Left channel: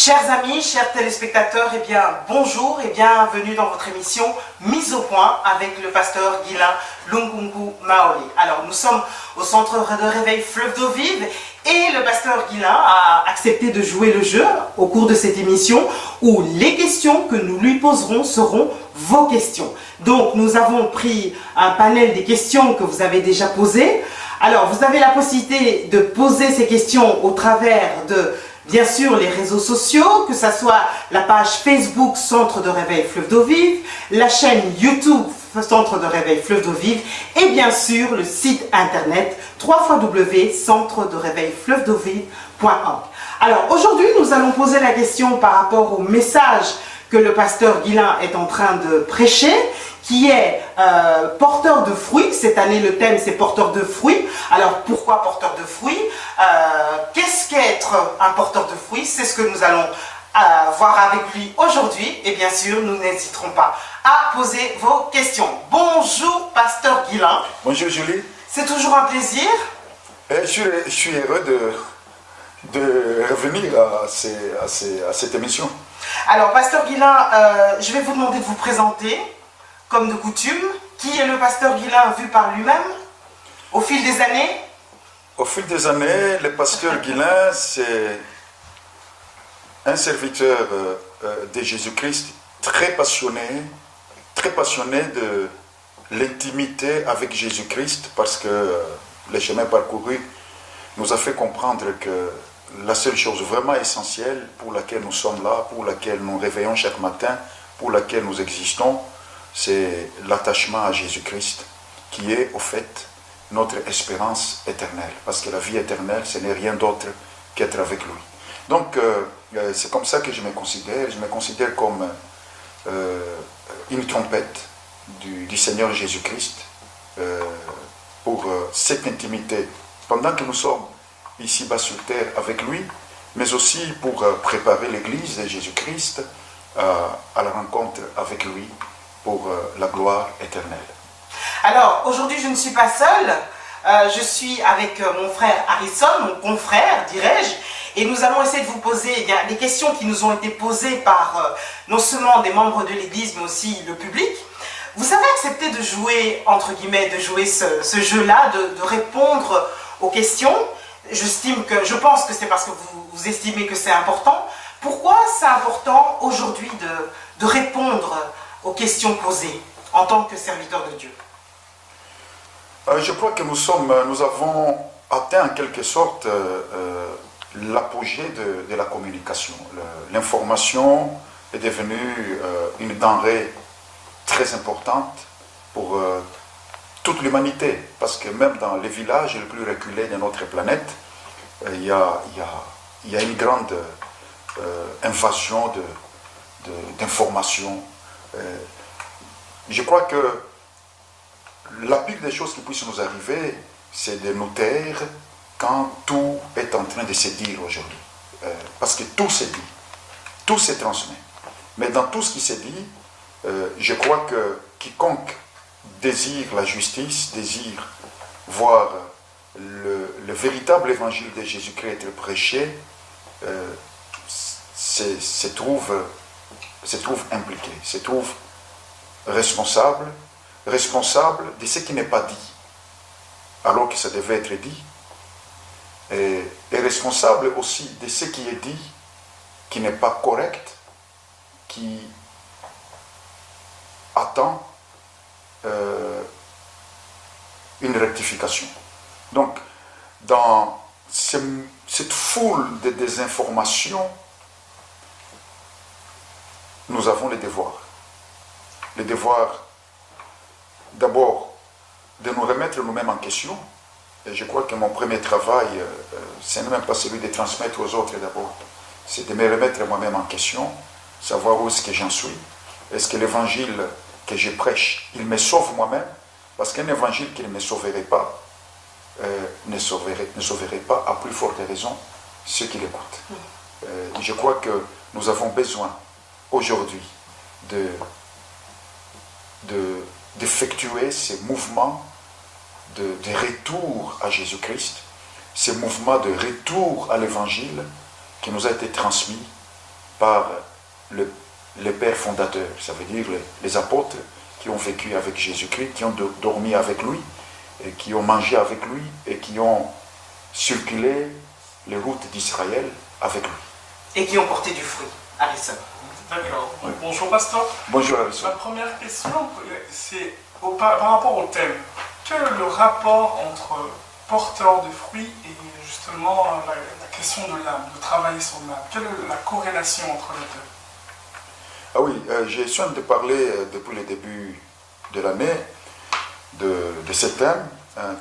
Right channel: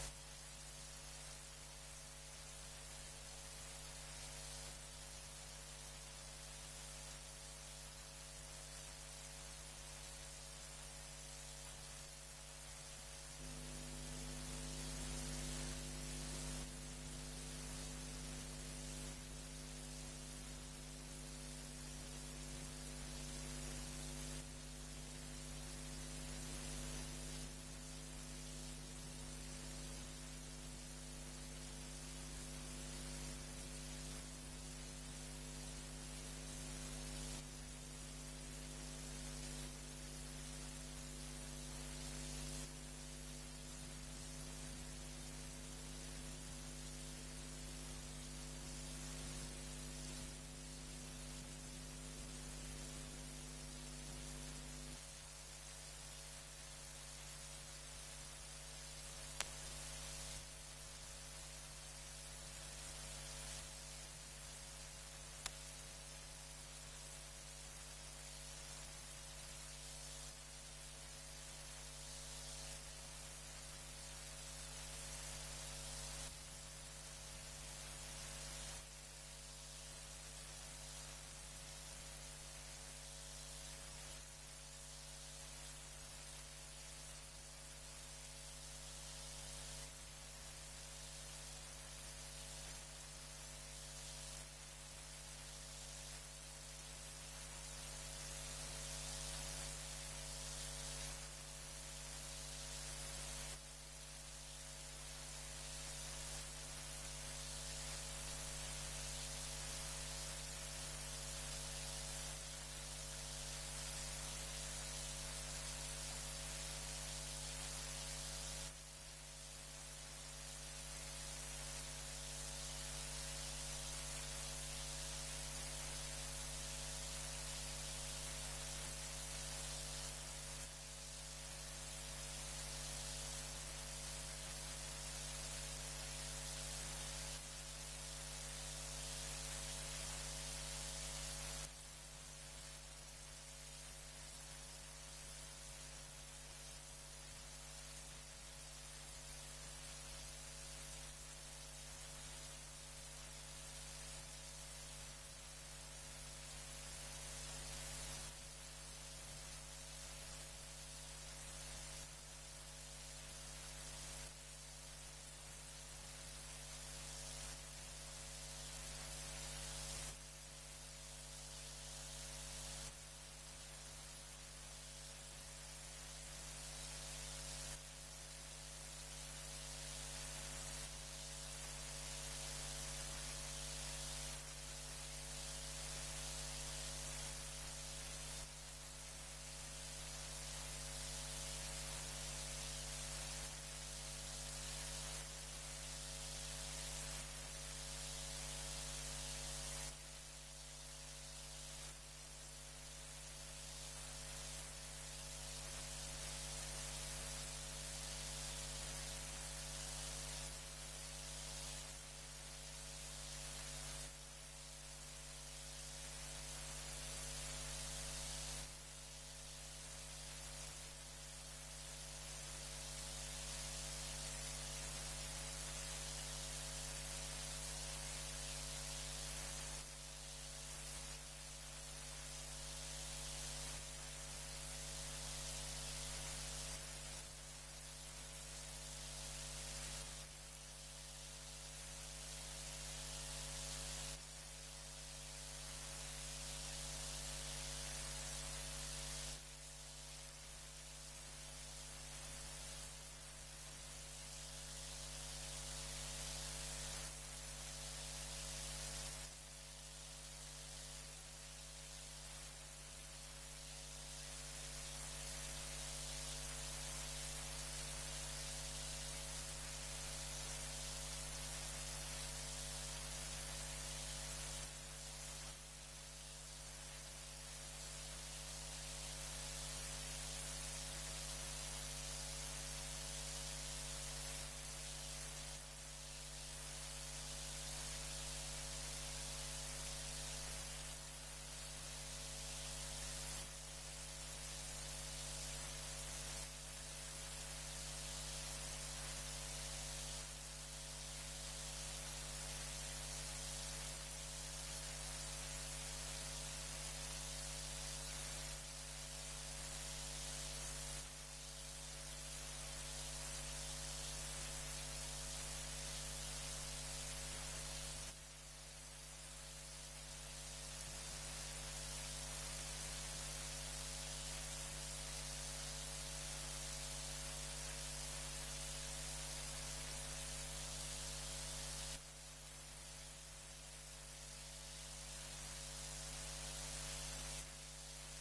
Chers amis, chers téléspectateurs, eh bien bonjour et bienvenue dans votre émission Mise au point avec le pasteur Guilain Lungungu Maoli. Alors nous sommes au centre de réveil Fleuve d'eau vive et le pasteur Guilain a accepté de jouer le jeu au cours de cette émission où les questions que nous lui poserons seront vos questions. Donc nous avons pris un panel des questions que vous avez déjà posées. Alors vous avez la possibilité de poser ces questions au travers de bien sûr les réseaux sociaux, que ce soit la page Facebook Centre de Réveil Fleuve d'eau vive, la chaîne YouTube Centre de Réveil Fleuve d'eau vive et bien sûr le site internet www.centre-de-réveil-fleuve-d'eau-vive.org. Alors aujourd'hui nous allons poser la question par rapport au message que le pasteur Guilain est en train de prêcher, qui est porteur de fruits. Cette année, le thème, c'est porteur de fruits. Alors, pourquoi porteur de fruits? Qu'est-ce qu'être un porteur de fruits? C'est ce que nous allons voir avec lui aujourd'hui. Et bien sûr, nous n'hésiterons pas à poser vos questions. Bonjour, pasteur Guilain. Bonjour, Julie. C'est toujours un plaisir. Je suis heureux de revenir à cette émission. Alors, pasteur Guilain, je vais vous demander de vous présenter. Comme de coutume, qui est le pasteur Guilain vu par lui-même au fil des années? Au fil des années, le pasteur Guilain, c'est un serviteur de Jésus-Christ très passionné de l'intimité avec Jésus-Christ, parce que le chemin parcouru nous a fait comprendre que la seule chose vraiment essentielle pour laquelle nous sommes là, pour laquelle nous réveillons chaque matin, pour laquelle nous existons, c'est l'attachement à Jésus-Christ qui est au fait notre espérance éternelle. Parce que la vie éternelle, ce n'est rien d'autre qu'être avec lui. Donc, c'est comme ça que je me considère. Je me considère comme une trompette du Seigneur Jésus-Christ pour cette intimité. Pendant que nous sommes ici-bas sur terre avec lui, mais aussi pour préparer l'Église de Jésus-Christ à la rencontre avec lui, pour la gloire éternelle. Alors, aujourd'hui, je ne suis pas seule. Je suis avec mon frère Harrison, mon confrère, dirais-je, et nous allons essayer de vous poser des questions qui nous ont été posées par non seulement des membres de l'Église, mais aussi le public. Vous avez accepté de jouer, entre guillemets, de jouer ce jeu-là, de répondre aux questions. Je pense que c'est parce que vous estimez que c'est important. Pourquoi c'est important aujourd'hui de répondre aux questions posées en tant que serviteur de Dieu? Je crois que nous avons atteint en quelque sorte l'apogée de la communication. L'information est devenue une denrée très importante pour toute l'humanité, parce que même dans les villages les plus reculés de notre planète, il y a une grande invasion d'informations. Je crois que la pire des choses qui puissent nous arriver, c'est de nous taire quand tout est en train de se dire aujourd'hui. Parce que tout se dit, tout se transmet. Mais dans tout ce qui se dit, je crois que quiconque désire la justice, désire voir le véritable évangile de Jésus-Christ être prêché, se trouve impliqué, se trouve responsable de ce qui n'est pas dit, alors que ça devait être dit, et responsable aussi de ce qui est dit, qui n'est pas correct, qui attend une rectification. Donc, dans cette foule de désinformations, nous avons le devoir. Le devoir, d'abord, de nous remettre nous-mêmes en question. Et je crois que mon premier travail, ce n'est même pas celui de transmettre aux autres d'abord. C'est de me remettre moi-même en question, savoir où est-ce que j'en suis. Est-ce que l'évangile que je prêche, il me sauve moi-même? Parce qu'un évangile qui ne me sauverait pas, ne sauverait pas à plus forte raison ceux qui l'écoutent. Je crois que nous avons besoin aujourd'hui d'effectuer ces mouvements de retour à Jésus-Christ, ces mouvements de retour à l'évangile qui nous a été transmis par les pères fondateurs, ça veut dire les apôtres qui ont vécu avec Jésus-Christ, qui ont dormi avec lui, et qui ont mangé avec lui, et qui ont circulé les routes d'Israël avec lui. Et qui ont porté du fruit. Harrison. D'accord. Oui. Bonjour pasteur. Bonjour Harrison. Ma première question, c'est par rapport au thème. Quel est le rapport entre porteur de fruits et justement la question de l'âme, de travailler sur l'âme? Quelle est la corrélation entre les deux? Ah oui, j'ai soin de parler depuis le début de l'année de ce thème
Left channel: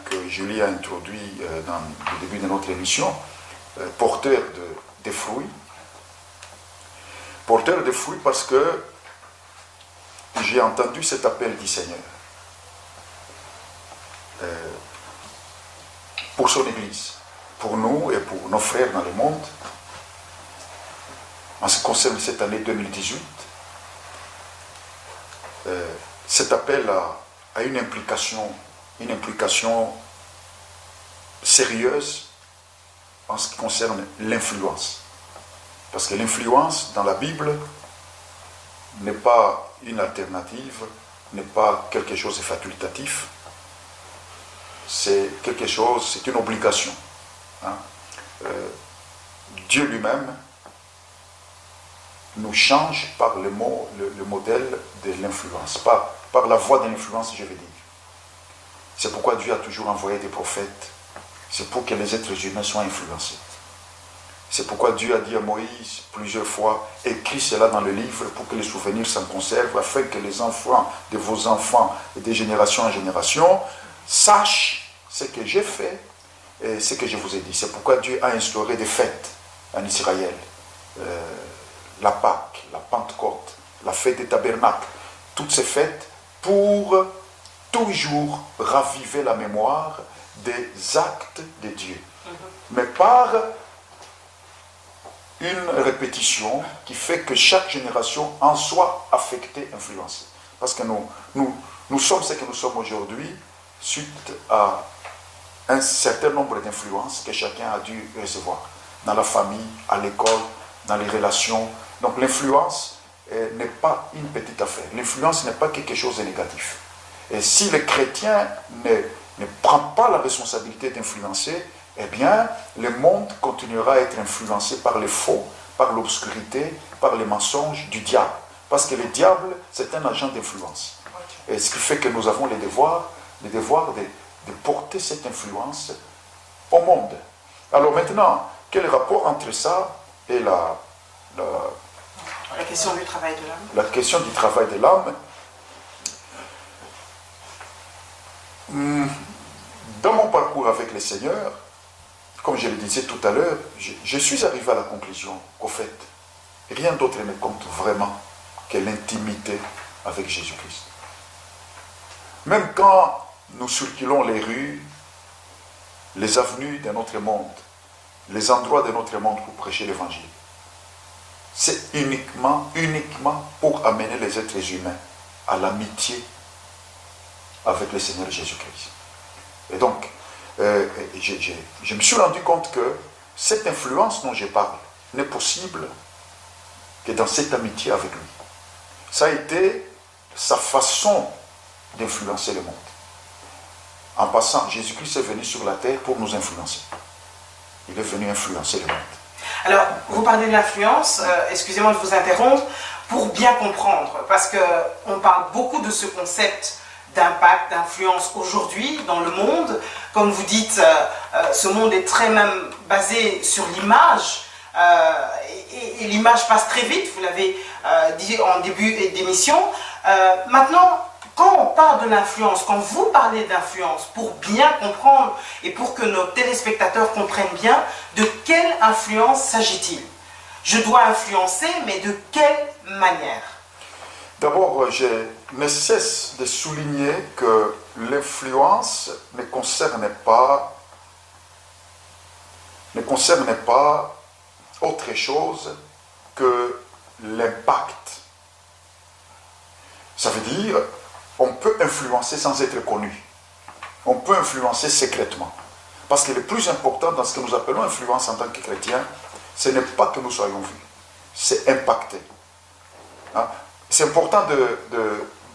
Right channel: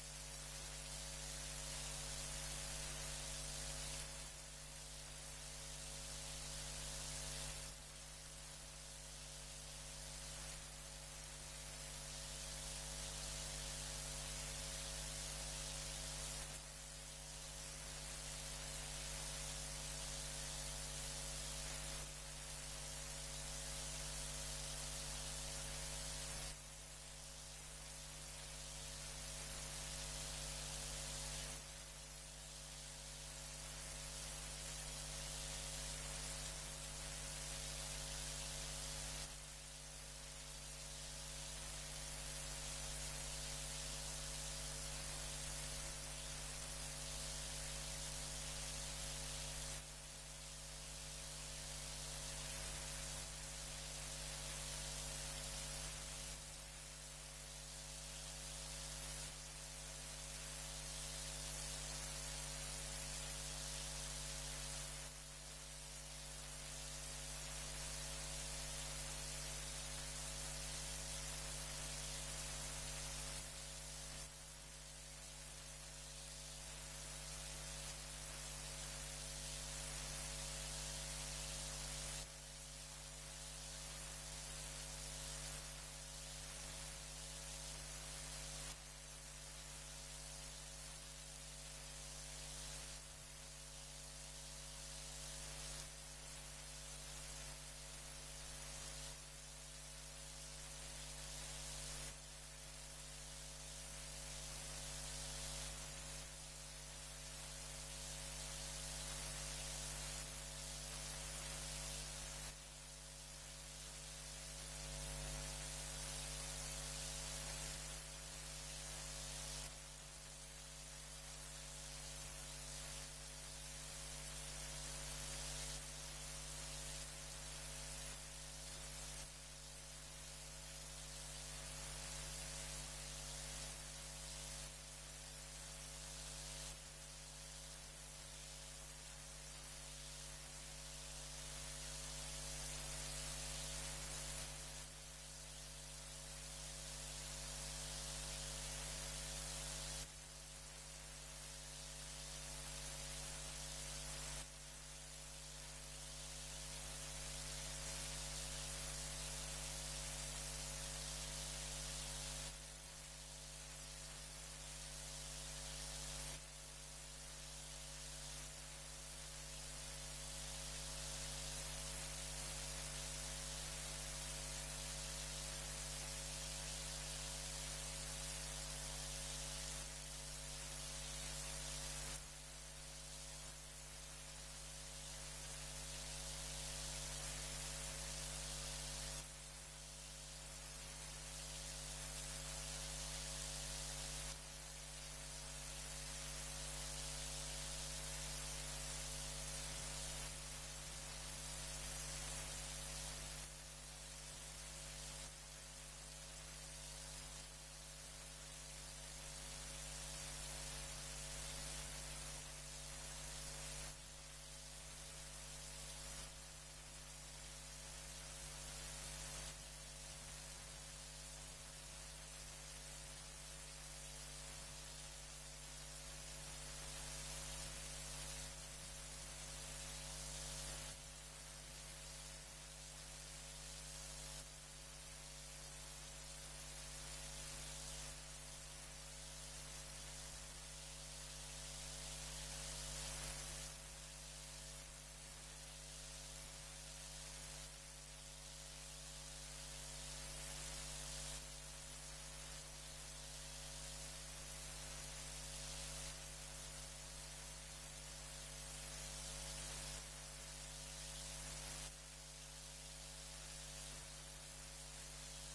que Julie a introduit dans le début de notre émission, porteur des fruits. Porteur de fruits parce que j'ai entendu cet appel du Seigneur pour son Église, pour nous et pour nos frères dans le monde. En ce qui concerne cette année 2018, cet appel a une implication sérieuse en ce qui concerne l'influence. Parce que l'influence dans la Bible n'est pas une alternative, n'est pas quelque chose de facultatif, c'est quelque chose, c'est une obligation. Dieu lui-même nous change par le modèle de l'influence, par la voie de l'influence, je veux dire. C'est pourquoi Dieu a toujours envoyé des prophètes, c'est pour que les êtres humains soient influencés. C'est pourquoi Dieu a dit à Moïse plusieurs fois, écris cela dans le livre pour que les souvenirs s'en conservent, afin que les enfants de vos enfants et de génération en génération sachent ce que j'ai fait et ce que je vous ai dit. C'est pourquoi Dieu a instauré des fêtes en Israël. La Pâque, la Pentecôte, la fête des tabernacles, toutes ces fêtes pour toujours raviver la mémoire des actes de Dieu. Mais par une répétition qui fait que chaque génération en soit affectée, influencée. Parce que nous sommes ce que nous sommes aujourd'hui suite à un certain nombre d'influences que chacun a dû recevoir dans la famille, à l'école, dans les relations. Donc l'influence n'est pas une petite affaire. L'influence n'est pas quelque chose de négatif. Et si le chrétien ne prend pas la responsabilité d'influencer, eh bien, le monde continuera à être influencé par les faux, par l'obscurité, par les mensonges du diable. Parce que le diable, c'est un agent d'influence. Et ce qui fait que nous avons le devoir de porter cette influence au monde. Alors maintenant, quel est le rapport entre ça et la question du travail de l'âme? La question du travail de l'âme. Dans mon parcours avec le Seigneur, comme je le disais tout à l'heure, je suis arrivé à la conclusion qu'au fait, rien d'autre ne compte vraiment que l'intimité avec Jésus-Christ. Même quand nous circulons les rues, les avenues de notre monde, les endroits de notre monde pour prêcher l'Évangile, c'est uniquement pour amener les êtres humains à l'amitié avec le Seigneur Jésus-Christ. Et donc, je me suis rendu compte que cette influence dont je parle n'est possible que dans cette amitié avec lui. Ça a été sa façon d'influencer le monde. En passant, Jésus-Christ est venu sur la terre pour nous influencer. Il est venu influencer le monde. Alors, vous parlez de l'influence, excusez-moi de vous interrompre, pour bien comprendre, parce qu'on parle beaucoup de ce concept d'impact, d'influence aujourd'hui dans le monde. Comme vous dites, ce monde est très même basé sur l'image, et l'image passe très vite, vous l'avez dit en début d'émission. Maintenant, quand on parle de l'influence, quand vous parlez d'influence, pour bien comprendre et pour que nos téléspectateurs comprennent bien, de quelle influence s'agit-il? Je dois influencer, mais de quelle manière? D'abord, je ne cesse de souligner que l'influence ne concerne pas autre chose que l'impact. Ça veut dire, on peut influencer sans être connu. On peut influencer secrètement. Parce que le plus important dans ce que nous appelons influence en tant que chrétiens, ce n'est pas que nous soyons vus. c'est impacté. Hein? C'est important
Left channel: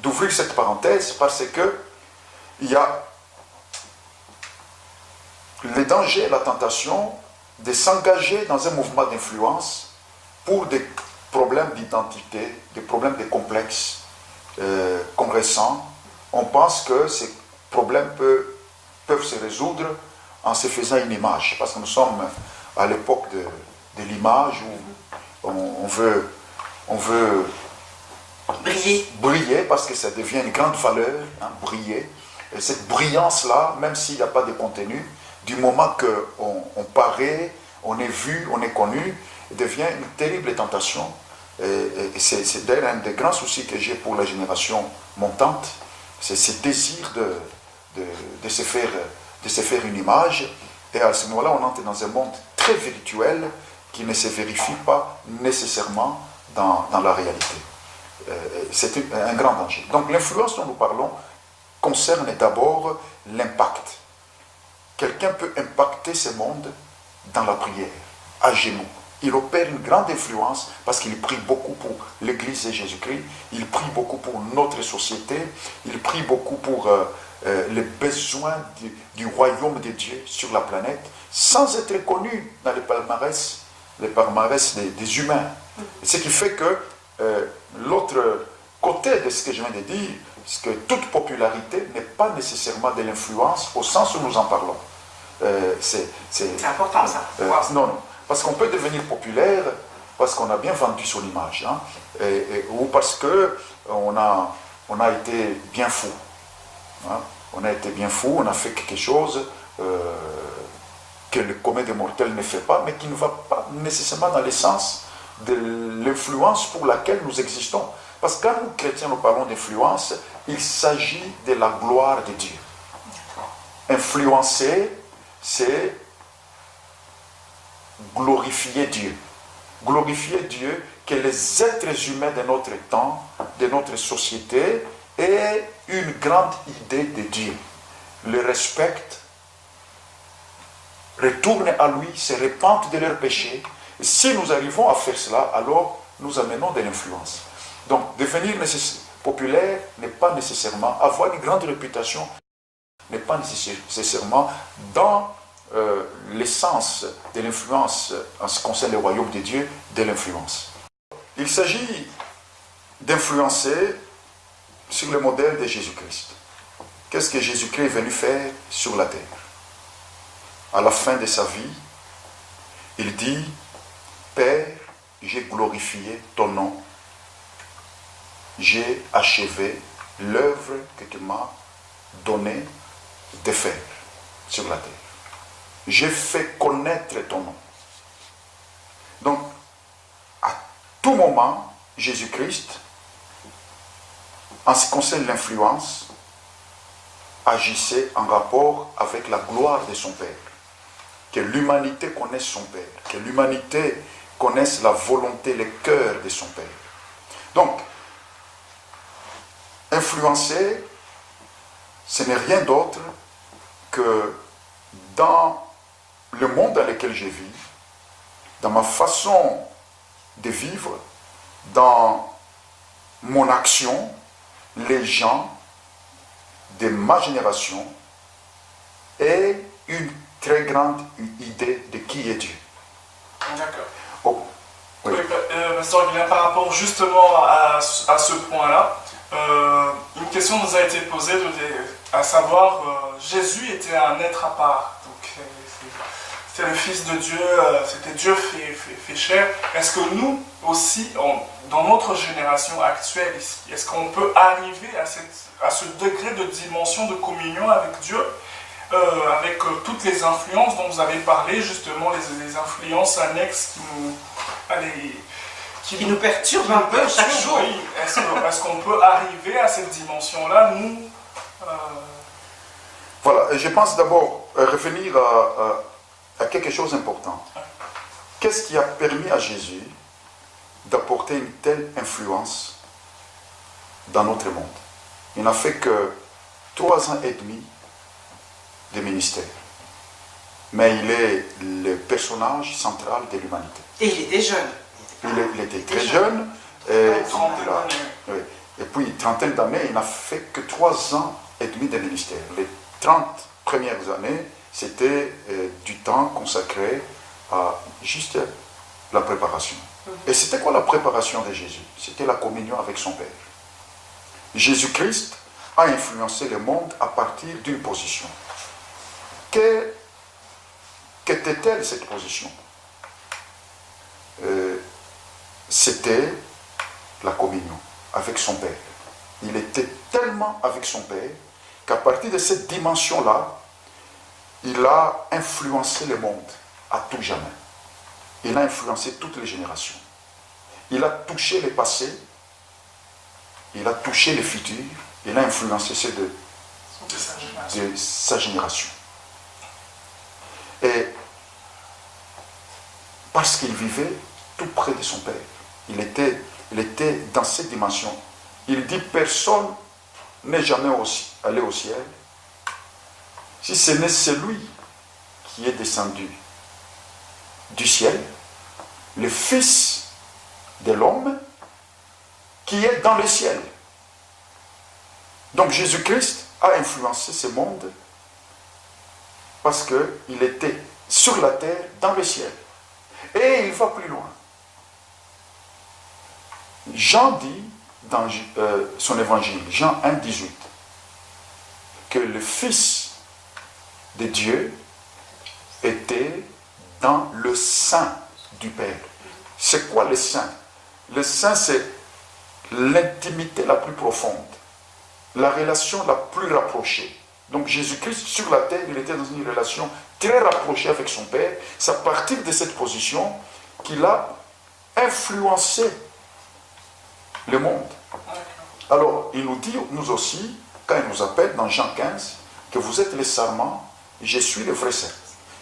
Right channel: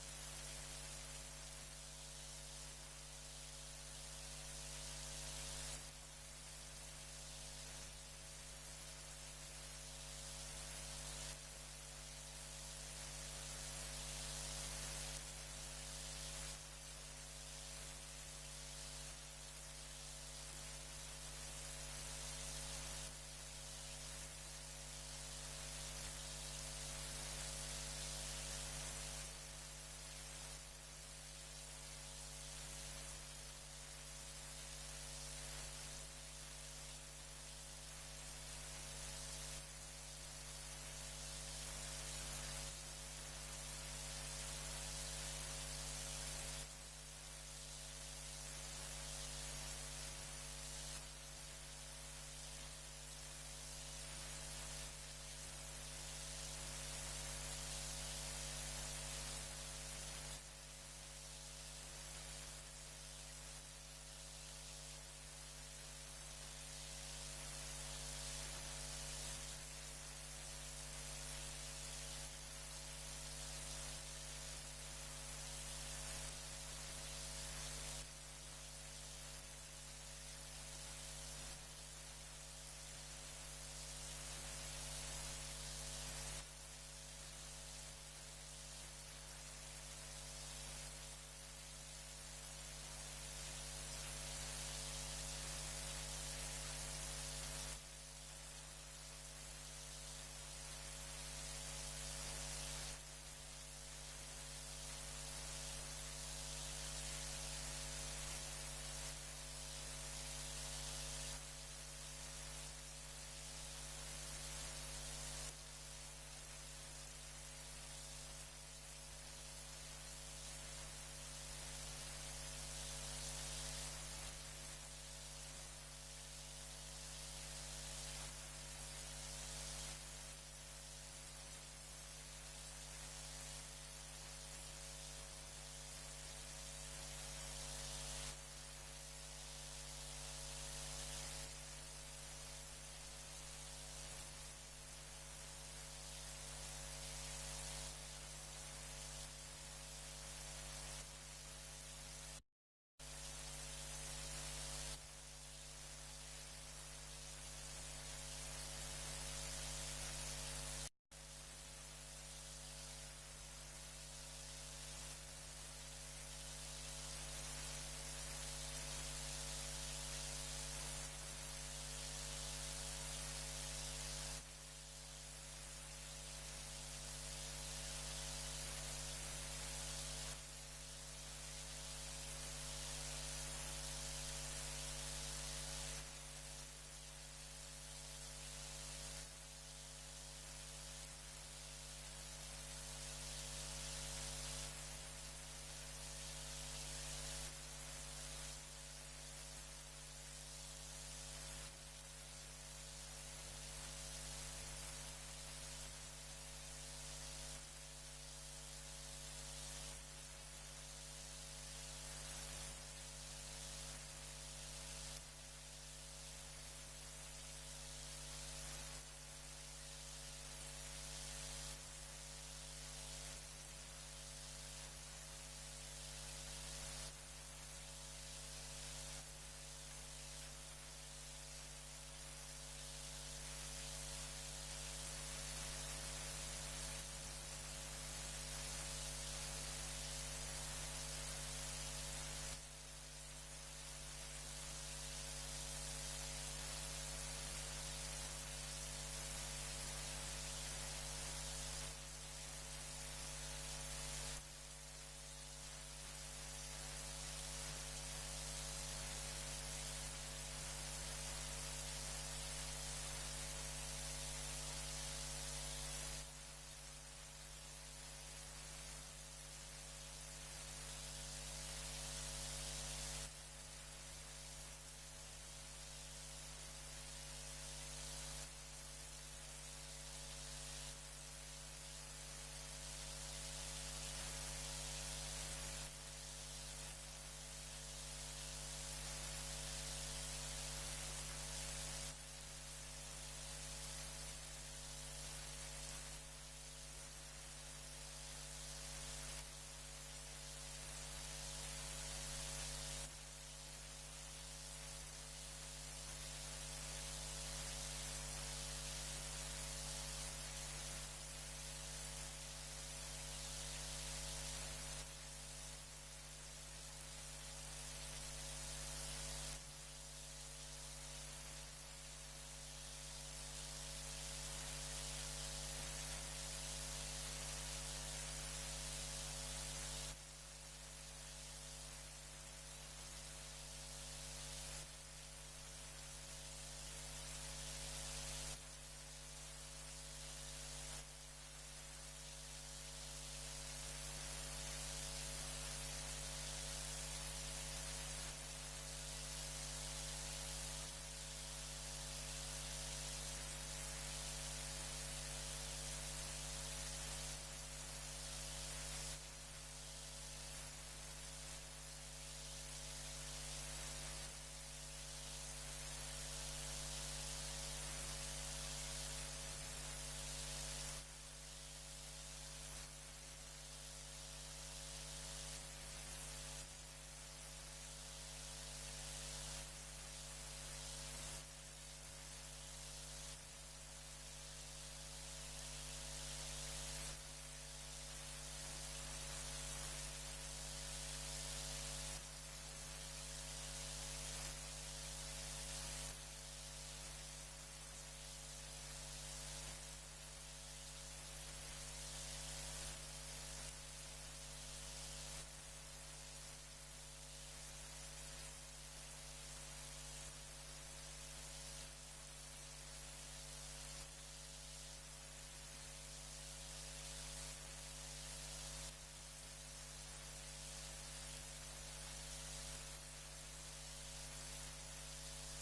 d'ouvrir cette parenthèse parce que il y a le danger et la tentation de s'engager dans un mouvement d'influence pour des problèmes d'identité, des problèmes de complexes qu'on ressent. On pense que ces problèmes peuvent se résoudre en se faisant une image, parce que nous sommes à l'époque de l'image où on veut briller parce que ça devient une grande valeur, hein, briller. Et cette brillance-là, même s'il n'y a pas de contenu, du moment qu'on paraît, on est vu, on est connu, devient une terrible tentation. Et c'est d'ailleurs un des grands soucis que j'ai pour la génération montante, c'est ce désir de se faire une image. Et à ce moment-là, on entre dans un monde très virtuel qui ne se vérifie pas nécessairement dans la réalité. C'est un grand danger. Donc l'influence dont nous parlons concerne d'abord l'impact. Quelqu'un peut impacter ce monde dans la prière, à genoux. Il opère une grande influence parce qu'il prie beaucoup pour l'Église de Jésus-Christ, il prie beaucoup pour notre société, il prie beaucoup pour les besoins du royaume de Dieu sur la planète, sans être connu dans les palmarès des humains. Ce qui fait que l'autre côté de ce que je viens de dire, c'est que toute popularité n'est pas nécessairement de l'influence au sens où nous en parlons. C'est important ça. Non. Parce qu'on peut devenir populaire parce qu'on a bien vendu son image, hein, ou parce qu'on a été bien fou. Hein. On a été bien fou, on a fait quelque chose que le commun des mortels ne fait pas, mais qui ne va pas nécessairement dans le sens de l'influence pour laquelle nous existons. Parce que quand nous, chrétiens, nous parlons d'influence, il s'agit de la gloire de Dieu. Influencer, c'est glorifier Dieu. Glorifier Dieu, que les êtres humains de notre temps, de notre société, aient une grande idée de Dieu. Le respectent, retournent à lui, se repentent de leurs péchés. Et si nous arrivons à faire cela, alors nous amenons de l'influence. Donc, devenir populaire n'est pas nécessairement, avoir une grande réputation n'est pas nécessairement dans l'essence de l'influence en ce qui concerne le royaume de Dieu, de l'influence. Il s'agit d'influencer sur le modèle de Jésus-Christ. Qu'est-ce que Jésus-Christ est venu faire sur la terre? À la fin de sa vie, il dit, Père, j'ai glorifié ton nom, j'ai achevé l'œuvre que tu m'as donné de faire sur la terre. J'ai fait connaître ton nom. Donc, à tout moment, Jésus-Christ, en ce qui concerne l'influence, agissait en rapport avec la gloire de son Père. Que l'humanité connaisse son Père, que l'humanité connaisse la volonté, le cœur de son Père. Donc, influencer, ce n'est rien d'autre que dans le monde dans lequel je vis, dans ma façon de vivre, dans mon action, les gens de ma génération aient une très grande idée de qui est Dieu. D'accord. Oh, oui. Pasteur Guilain, par rapport justement à ce point-là, une question nous a été posée, à savoir, Jésus était un être à part. Donc, c'était le Fils de Dieu, c'était Dieu fait chair. Est-ce que nous aussi, dans notre génération actuelle ici, est-ce qu'on peut arriver à ce degré de dimension de communion avec Dieu, avec toutes les influences dont vous avez parlé, justement les influences annexes qui nous perturbent un peu chaque jour? Oui. Est-ce qu'on peut arriver à cette dimension-là, nous Voilà, je pense d'abord revenir à quelque chose d'important. Qu'est-ce qui a permis à Jésus d'apporter une telle influence dans notre monde? Il n'a fait que 3 ans et demi de ministère. Mais il est le personnage central de l'humanité. Et il était jeune. Il était très jeune. Et, Trentaine d'années. oui. Et puis, trentaine d'années, il n'a fait que 3 ans et demi de ministère. Les 30 premières années, c'était du temps consacré à juste la préparation. Et c'était quoi la préparation de Jésus? C'était la communion avec son Père. Jésus-Christ a influencé le monde à partir d'une position. Qu'était-elle cette position? C'était la communion avec son Père. Il était tellement avec son Père qu'à partir de cette dimension-là, il a influencé le monde à tout jamais. Il a influencé toutes les générations. Il a touché le passé, il a touché le futur, il a influencé ceux de sa génération. Et parce qu'il vivait tout près de son Père, il était dans cette dimension. Il dit, personne n'est jamais allé au ciel si ce n'est celui qui est descendu du ciel, le Fils de l'homme qui est dans le ciel. Donc Jésus-Christ a influencé ce monde parce qu'il était sur la terre, dans le ciel. Et il va plus loin. Jean dit dans son évangile, Jean 1, 18, que le Fils de Dieu était dans le sein du Père. C'est quoi le sein? Le sein, c'est l'intimité la plus profonde, la relation la plus rapprochée. Donc Jésus-Christ, sur la terre, il était dans une relation très rapprochée avec son Père. C'est à partir de cette position qu'il a influencé le monde. Alors, il nous dit, nous aussi, quand il nous appelle dans Jean 15, que vous êtes les sarments, je suis le vrai cerf.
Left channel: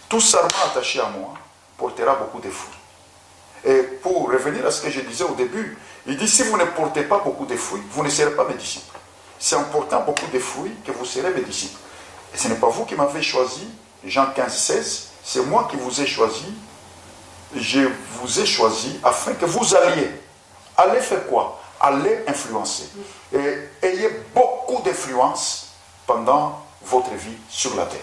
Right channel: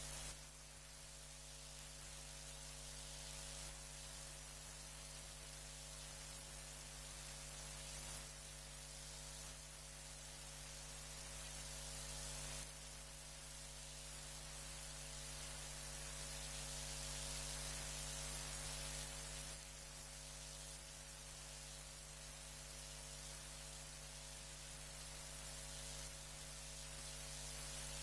Tout sarment attaché à moi portera beaucoup de fruits. Et pour revenir à ce que je disais au début, il dit, si vous ne portez pas beaucoup de fruits, vous ne serez pas mes disciples. C'est en portant beaucoup de fruits que vous serez mes disciples. Et ce n'est pas vous qui m'avez choisi, Jean 15, 16, c'est moi qui vous ai choisi. Je vous ai choisi afin que vous alliez. Allez faire quoi? Allez influencer. Et ayez beaucoup d'influence pendant votre vie sur la terre.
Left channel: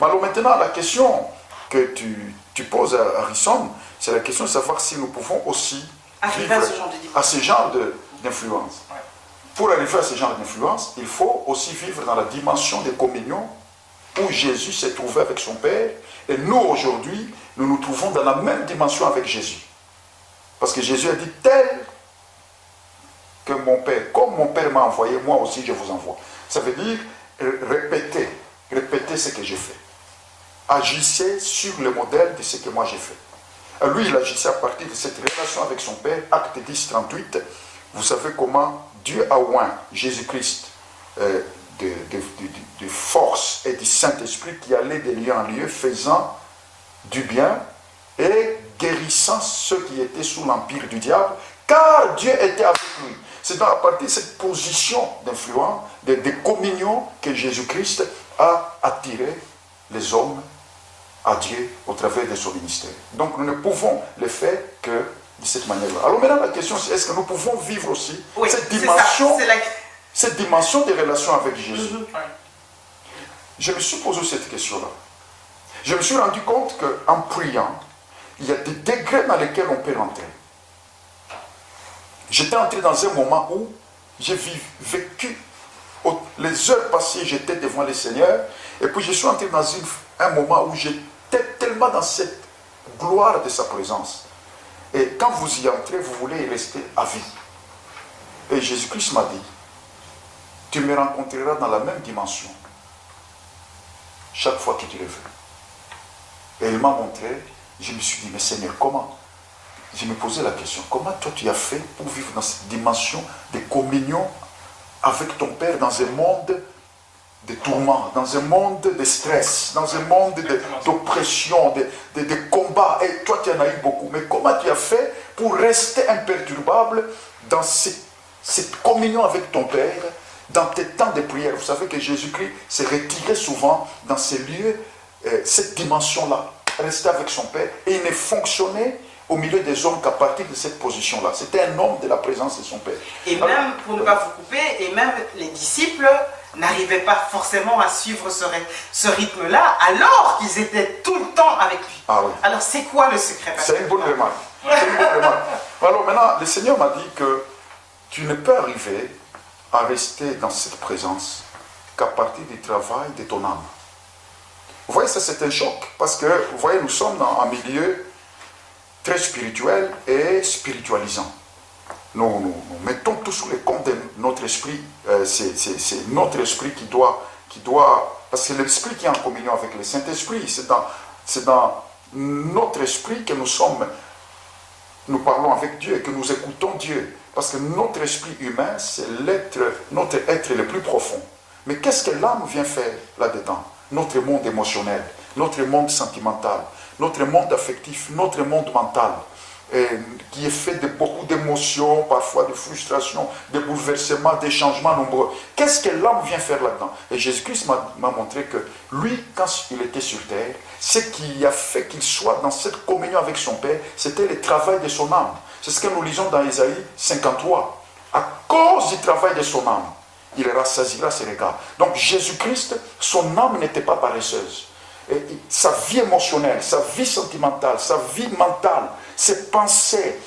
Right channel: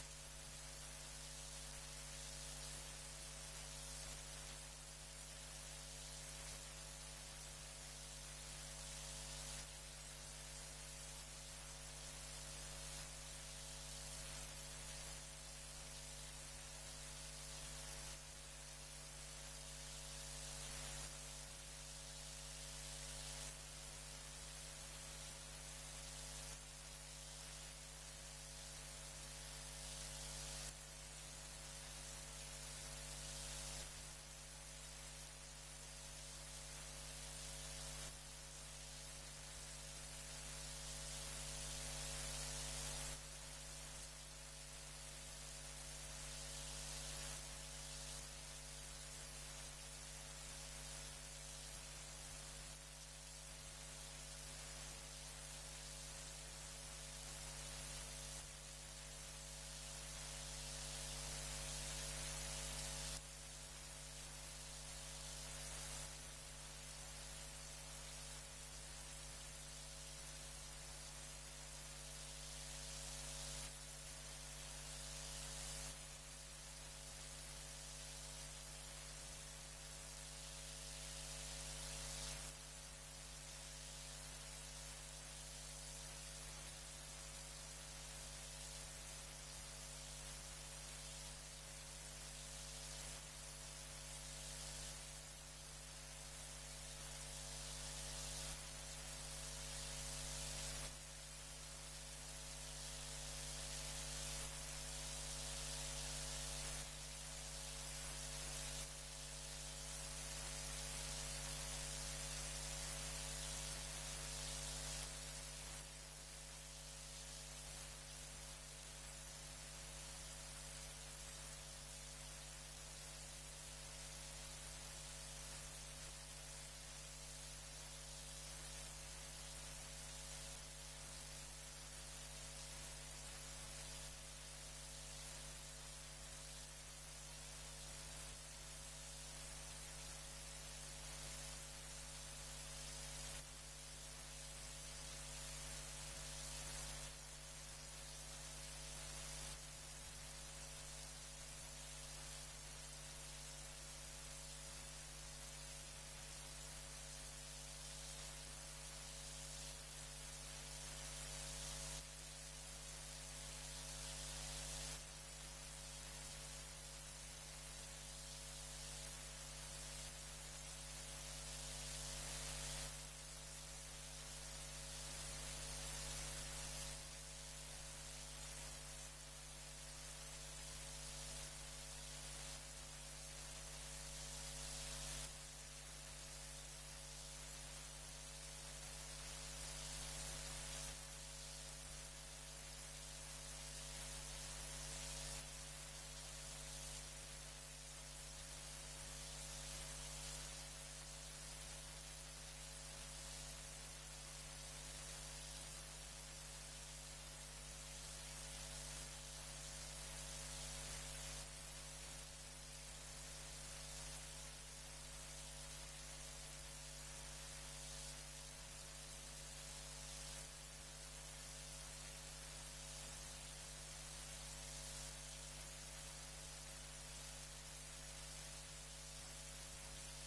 Alors maintenant, la question que tu poses à Harrison, c'est la question de savoir si nous pouvons aussi arriver à ce genre d'influence. Pour arriver à ce genre d'influence, il faut aussi vivre dans la dimension de communion où Jésus s'est trouvé avec son Père. Et nous, aujourd'hui, nous nous trouvons dans la même dimension avec Jésus. Parce que Jésus a dit, tel que mon Père, comme mon Père m'a envoyé, moi aussi je vous envoie. Ça veut dire répétez ce que j'ai fait. Agissez sur le modèle de ce que moi j'ai fait. Lui, il agissait à partir de cette relation avec son Père, acte 10, 38. Vous savez comment Dieu a oint Jésus-Christ de force et du Saint-Esprit qui allait de lieu en lieu, faisant du bien et guérissant ceux qui étaient sous l'empire du diable, car Dieu était avec lui. C'est donc à partir de cette position d'influence, de communion, que Jésus-Christ a attiré les hommes à Dieu au travers de son ministère. Donc nous ne pouvons le faire que de cette manière-là. Alors maintenant la question c'est, est-ce que nous pouvons vivre aussi cette dimension de relation avec Jésus? Je me suis posé cette question-là. Je me suis rendu compte qu'en priant, il y a des degrés dans lesquels on peut rentrer. J'étais entré dans un moment où j'ai vécu, les heures passées, j'étais devant le Seigneur, et puis je suis entré dans un moment où j'étais tellement dans cette gloire de sa présence. Et quand vous y entrez, vous voulez y rester à vie. Et Jésus-Christ m'a dit, tu me rencontreras dans la même dimension, chaque fois que tu le veux. Et il m'a montré, je me suis dit, mais Seigneur, comment? Je me posais la question, comment toi tu as fait pour vivre dans cette dimension de communion avec ton Père dans un monde de tourments, dans un monde de stress, dans un monde d'oppression, de combats. Et toi tu en as eu beaucoup, mais comment tu as fait pour rester imperturbable dans cette communion avec ton Père, dans tes temps de prière? Vous savez que Jésus-Christ s'est retiré souvent dans ces lieux, cette dimension-là, rester avec son Père, et il ne fonctionnait au milieu des hommes qu'à partir de cette position-là. C'était un homme de la présence de son Père. Et même, pour ne pas vous couper, et même les disciples n'arrivaient pas forcément à suivre ce rythme-là, alors qu'ils étaient tout le temps avec lui. Ah oui. Alors c'est quoi le secret? C'est une bonne remarque. C'est une bonne remarque. Alors maintenant, le Seigneur m'a dit que tu ne peux arriver à rester dans cette présence qu'à partir du travail de ton âme. Vous voyez, ça c'est un choc, parce que, vous voyez, nous sommes dans un milieu très spirituel et spiritualisant. Nous mettons tout sous les comptes de notre esprit. C'est notre esprit qui doit... Parce que l'esprit qui est en communion avec le Saint-Esprit, c'est dans notre esprit que nous parlons avec Dieu et que nous écoutons Dieu. Parce que notre esprit humain, c'est notre être le plus profond. Mais qu'est-ce que l'âme vient faire là-dedans? Notre monde émotionnel, notre monde sentimental, notre monde affectif, notre monde mental, qui est fait de beaucoup d'émotions, parfois de frustrations, de bouleversements, de changements nombreux. Qu'est-ce que l'âme vient faire là-dedans? Et Jésus-Christ m'a montré que lui, quand il était sur terre, ce qui a fait qu'il soit dans cette communion avec son Père, c'était le travail de son âme. C'est ce que nous lisons dans Ésaïe 53. À cause du travail de son âme, il rassasiera ses regards. Donc Jésus-Christ, son âme n'était pas paresseuse. Et sa vie émotionnelle, sa vie sentimentale, sa vie mentale, ses pensées,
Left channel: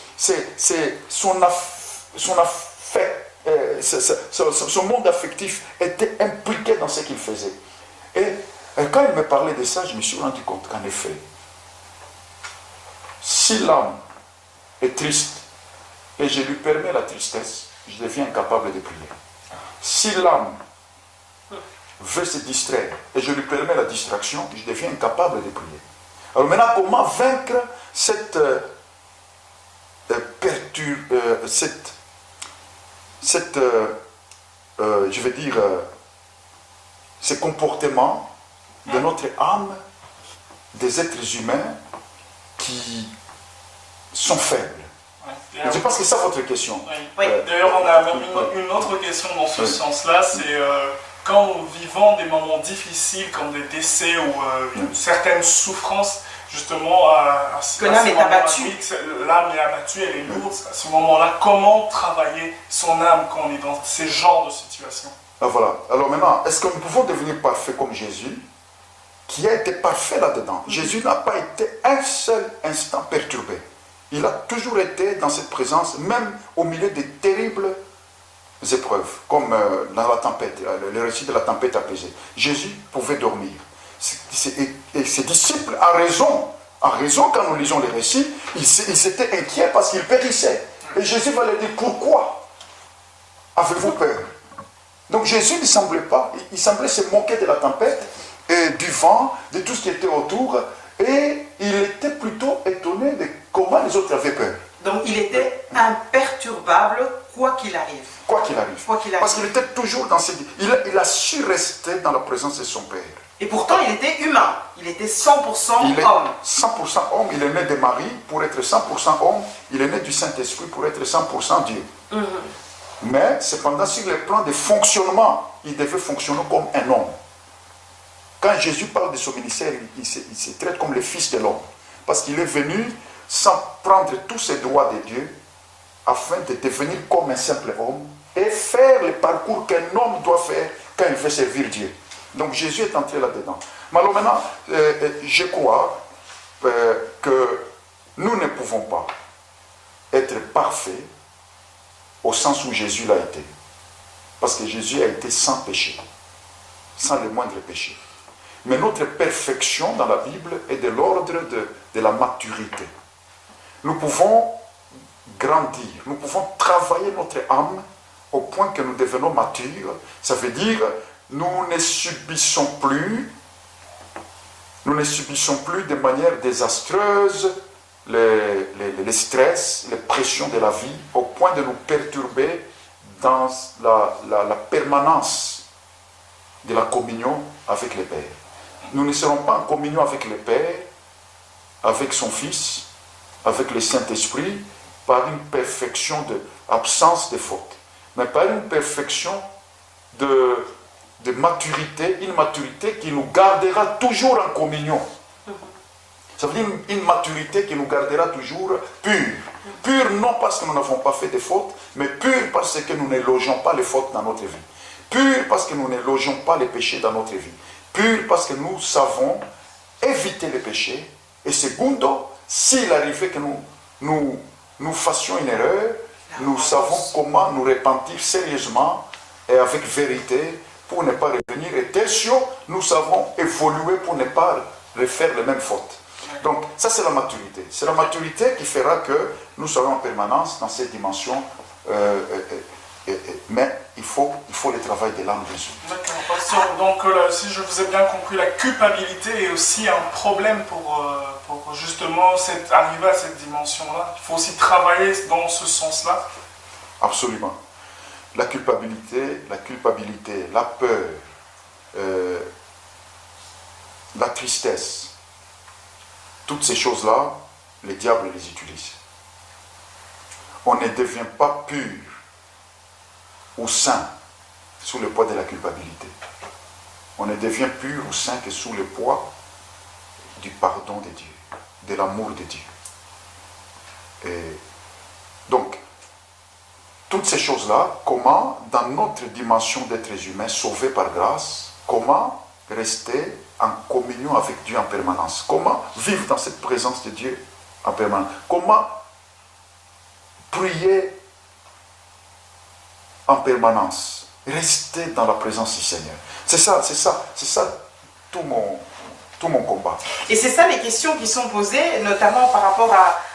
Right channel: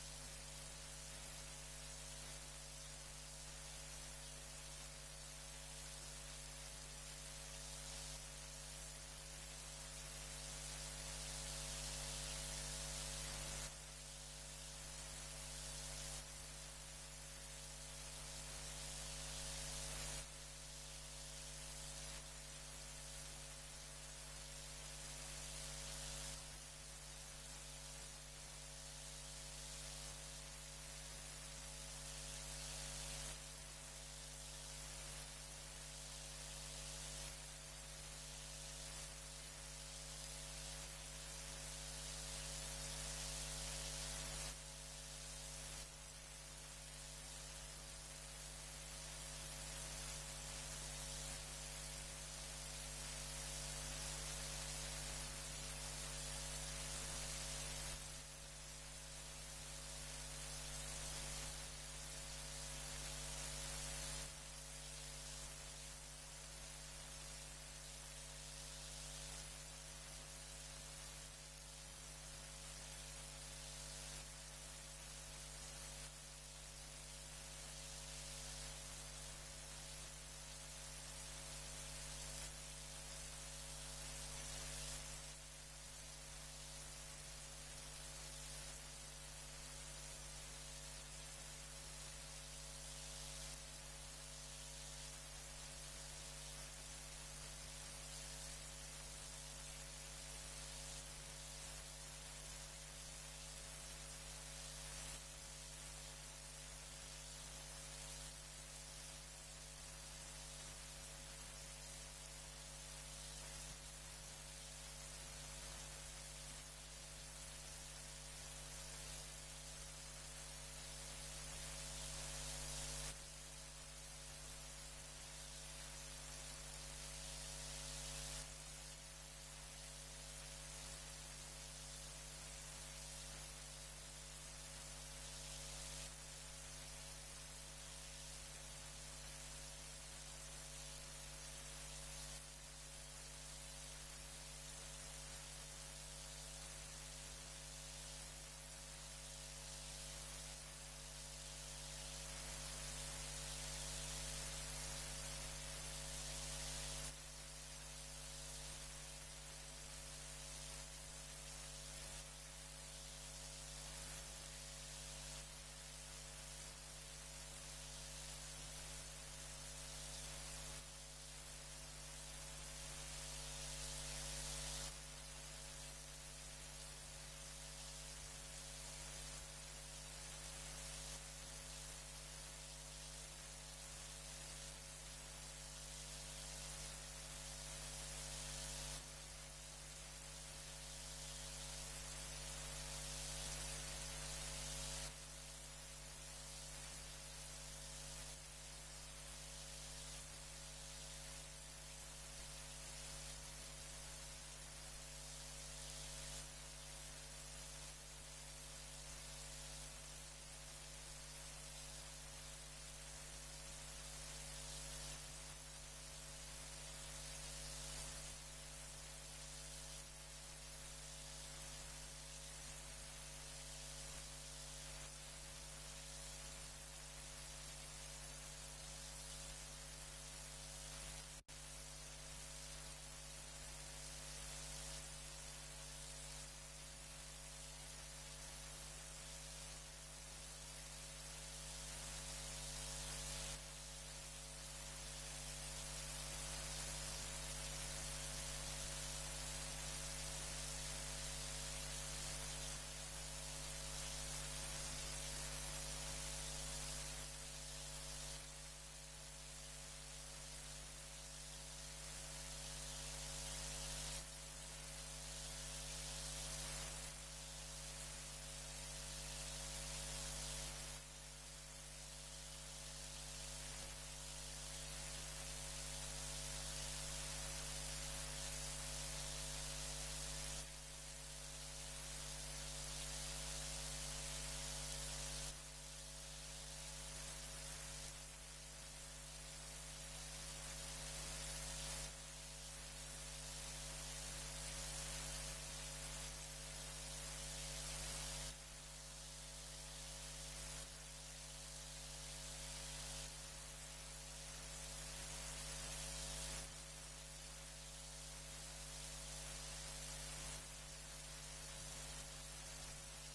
son monde affectif était impliqué dans ce qu'il faisait. Et quand il me parlait de ça, je me suis rendu compte qu'en effet, si l'âme est triste et je lui permets la tristesse, je deviens incapable de prier. Si l'âme veut se distraire et je lui permets la distraction, je deviens incapable de prier. Alors maintenant, comment vaincre cette ces comportements de notre âme, des êtres humains qui sont faibles? Je pense que c'est ça votre question. Oui. D'ailleurs, on a même une autre question dans ce sens-là, c'est quand nous vivons des moments difficiles comme des décès ou certaines souffrances, justement, que l'âme est abattue. L'âme est abattue, elle est lourde. À ce moment-là, comment travailler son âme quand on est dans ces genres de situations? Ah, voilà. Alors maintenant, est-ce que nous pouvons devenir parfaits comme Jésus, qui a été parfait là-dedans? Jésus n'a pas été un seul instant perturbé. Il a toujours été dans cette présence, même au milieu des terribles épreuves, comme dans la tempête, le récit de la tempête apaisée. Jésus pouvait dormir. Et ses disciples, à raison, quand nous lisons les récits, ils étaient inquiets parce qu'ils périssaient. Et Jésus va leur dire, pourquoi avez-vous peur? Donc Jésus ne semblait pas, il semblait se moquer de la tempête, et du vent, de tout ce qui était autour, et il était plutôt étonné de comment les autres avaient peur. Donc il était imperturbable, quoi qu'il arrive. Quoi qu'il arrive. Quoi qu'il arrive. Parce qu'il était toujours dans cette... Il a su rester dans la présence de son Père. Et pourtant, il était humain. Il était 100% il est homme. 100% homme. Il est né de Marie pour être 100% homme. Il est né du Saint-Esprit pour être 100% Dieu. Mais cependant, sur le plan de fonctionnement, il devait fonctionner comme un homme. Quand Jésus parle de son ministère, il se traite comme le Fils de l'homme. Parce qu'il est venu sans prendre tous ses droits de Dieu, afin de devenir comme un simple homme et faire le parcours qu'un homme doit faire quand il veut servir Dieu. Donc Jésus est entré là-dedans. Mais alors maintenant, je crois que nous ne pouvons pas être parfaits au sens où Jésus l'a été. Parce que Jésus a été sans péché, sans le moindre péché. Mais notre perfection dans la Bible est de l'ordre de la maturité. Nous pouvons grandir, nous pouvons travailler notre âme au point que nous devenons matures. Ça veut dire, nous ne subissons plus de manière désastreuse les stress, les pressions de la vie, au point de nous perturber dans la permanence de la communion avec le Père. Nous ne serons pas en communion avec le Père, avec son Fils, avec le Saint-Esprit, par une perfection d'absence de faute, mais par une perfection de maturité, une maturité qui nous gardera toujours en communion. Ça veut dire une maturité qui nous gardera toujours purs. Purs non parce que nous n'avons pas fait de fautes, mais purs parce que nous ne logeons pas les fautes dans notre vie. Purs parce que nous ne logeons pas les péchés dans notre vie. Purs parce que nous savons éviter les péchés. Et secondo, s'il arrivait que nous fassions une erreur, nous savons comment nous repentir sérieusement et avec vérité pour ne pas revenir. Et tertio, nous savons évoluer pour ne pas refaire les mêmes fautes. Donc ça c'est la maturité. C'est la maturité qui fera que nous serons en permanence dans cette dimension. Mais il faut le travail de l'âme de Jésus. D'accord, pasteur. Donc si je vous ai bien compris, la culpabilité est aussi un problème pour justement arriver à cette dimension-là. Il faut aussi travailler dans ce sens-là. Absolument. La culpabilité, la peur, la tristesse, toutes ces choses-là, le diable les utilise. On ne devient pas pur ou saint sous le poids de la culpabilité. On ne devient pur ou saint que sous le poids du pardon de Dieu, de l'amour de Dieu. Et donc, toutes ces choses-là, comment, dans notre dimension d'être humain, sauvé par grâce, comment rester en communion avec Dieu en permanence? Comment vivre dans cette présence de Dieu en permanence? Comment prier en permanence? Rester dans la présence du Seigneur. C'est ça tout mon combat. Et c'est ça les questions qui sont posées, notamment par rapport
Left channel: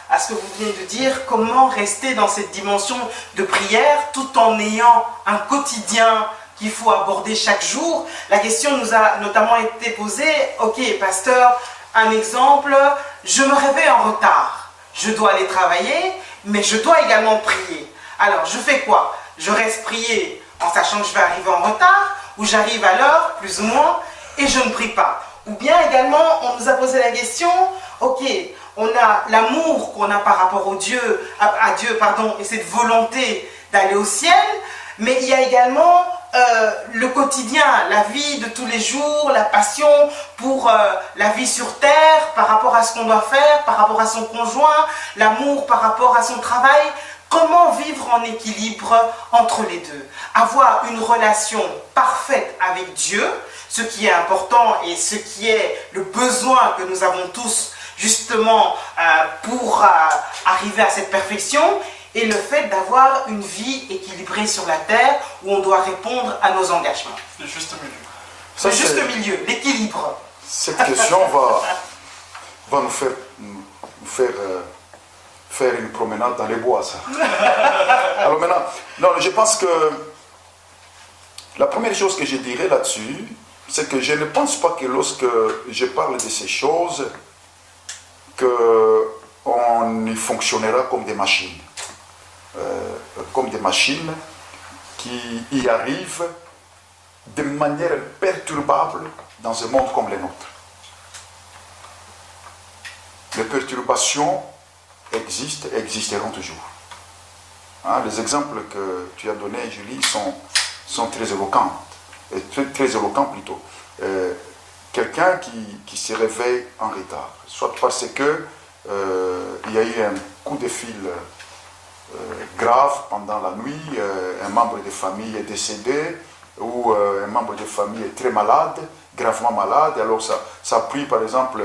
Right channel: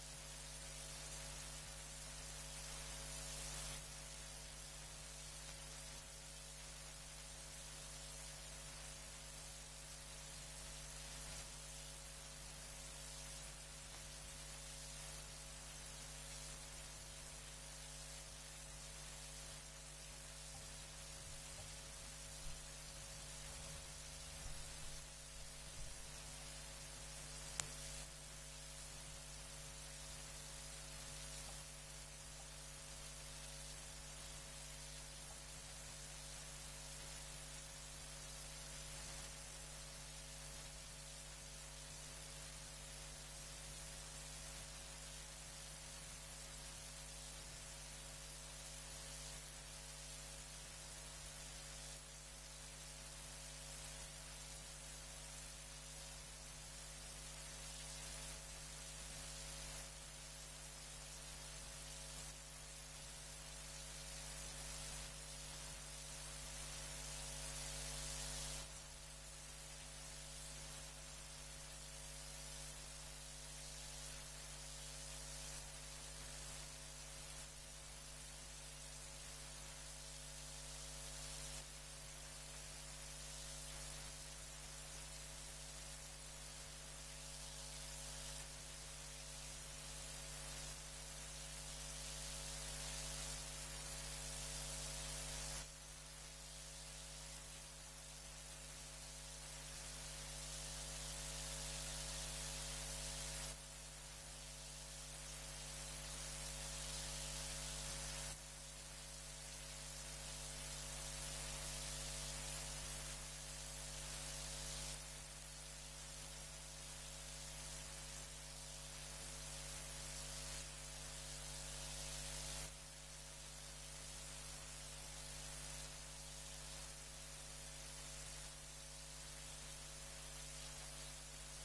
à ce que vous venez de dire, comment rester dans cette dimension de prière tout en ayant un quotidien qu'il faut aborder chaque jour. La question nous a notamment été posée, ok pasteur, un exemple, je me réveille en retard, je dois aller travailler, mais je dois également prier. Alors je fais quoi? Je reste prier en sachant que je vais arriver en retard, ou j'arrive à l'heure, plus ou moins, et je ne prie pas. Ou bien également, on nous a posé la question, ok, on a l'amour qu'on a par rapport à Dieu, et cette volonté d'aller au ciel, mais il y a également le quotidien, la vie de tous les jours, la passion pour la vie sur terre, par rapport à ce qu'on doit faire, par rapport à son conjoint, l'amour par rapport à son travail. Comment vivre en équilibre entre les deux? Avoir une relation parfaite avec Dieu, ce qui est important et ce qui est le besoin que nous avons tous justement pour arriver à cette perfection, et le fait d'avoir une vie équilibrée sur la terre où on doit répondre à nos engagements. Le juste milieu. Le juste milieu, l'équilibre. Cette question va nous faire faire une promenade dans les bois, ça. Alors maintenant, non, je pense que la première chose que je dirais là-dessus, c'est que je ne pense pas que lorsque je parle de ces choses, qu'on y fonctionnera comme des machines. Comme des machines qui y arrivent de manière perturbable dans un monde comme le nôtre. Les perturbations existent et existeront toujours. Hein, les exemples que tu as donnés, Julie, sont très éloquents, très éloquents plutôt. Quelqu'un qui se réveille en retard, soit parce que il y a eu un coup de fil grave pendant la nuit, un membre de famille est décédé, ou un membre de famille est très malade, gravement malade, alors ça a pris par exemple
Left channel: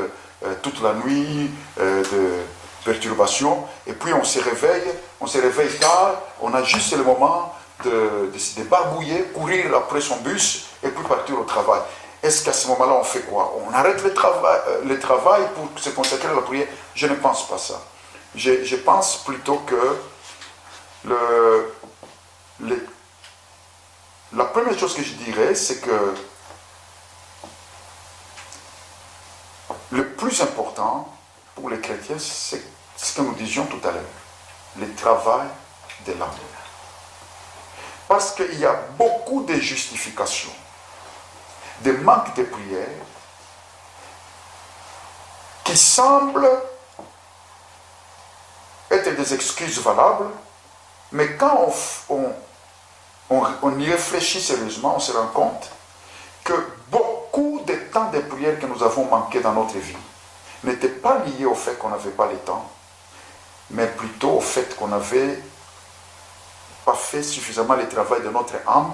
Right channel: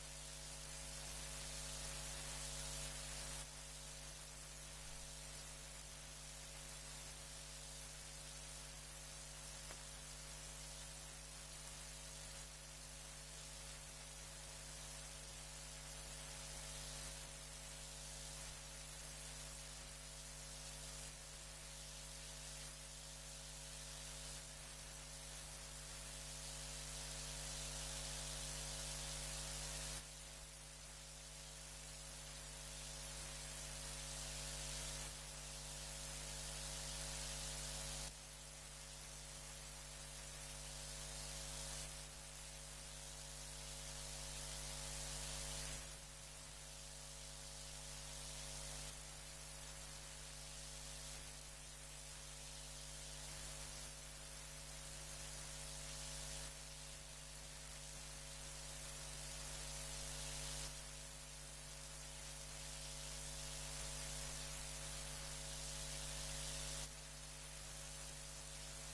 toute la nuit de perturbation, et puis on se réveille tard, on a juste le moment de barbouiller, courir après son bus, et puis partir au travail. Est-ce qu'à ce moment-là on fait quoi? On arrête le travail pour se consacrer à la prière? Je ne pense pas ça. Je pense plutôt que la première chose que je dirais, c'est que le plus important pour les chrétiens, c'est ce que nous disions tout à l'heure, le travail de l'âme. Parce qu'il y a beaucoup de justifications, de manques de prière, qui semblent être des excuses valables, mais quand on y réfléchit sérieusement, on se rend compte que beaucoup de temps de prière que nous avons manqué dans notre vie n'était pas lié au fait qu'on n'avait pas le temps, mais plutôt au fait qu'on n'avait pas fait suffisamment le travail de notre âme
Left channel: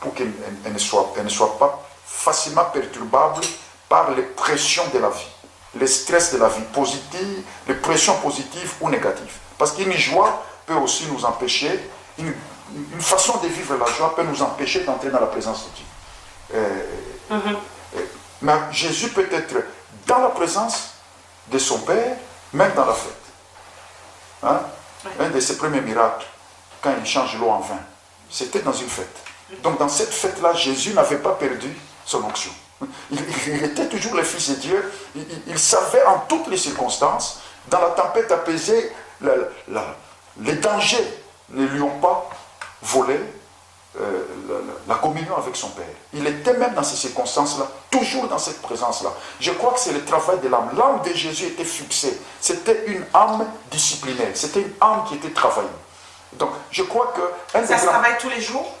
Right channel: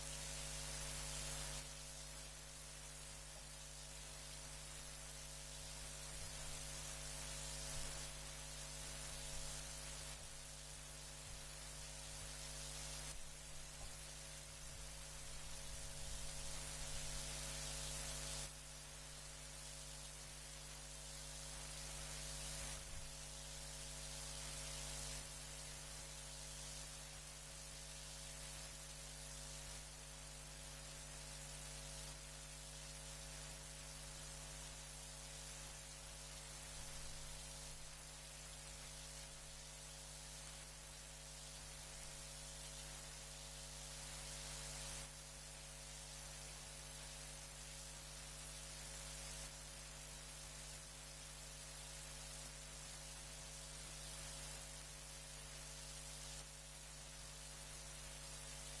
pour qu'elle ne soit pas facilement perturbable par les pressions de la vie, les stress de la vie positive, les pressions positives ou négatives. Parce qu'une joie peut aussi nous empêcher, une façon de vivre la joie peut nous empêcher d'entrer dans la présence de Dieu. Mais Jésus peut être dans la présence de son Père, même dans la fête. Hein? Un de ses premiers miracles, quand il change l'eau en vin, c'était dans une fête. Donc dans cette fête-là, Jésus n'avait pas perdu son onction. Il était toujours le Fils de Dieu. Il savait en toutes les circonstances, dans la tempête apaisée, les dangers ne lui ont pas volé la communion avec son Père. Il était même dans ces circonstances-là, toujours dans cette présence-là. Je crois que c'est le travail de l'âme. L'âme de Jésus était fixée. C'était une âme disciplinée. C'était une âme qui était travaillée. Donc, je crois que... Ça se travaille tous les jours?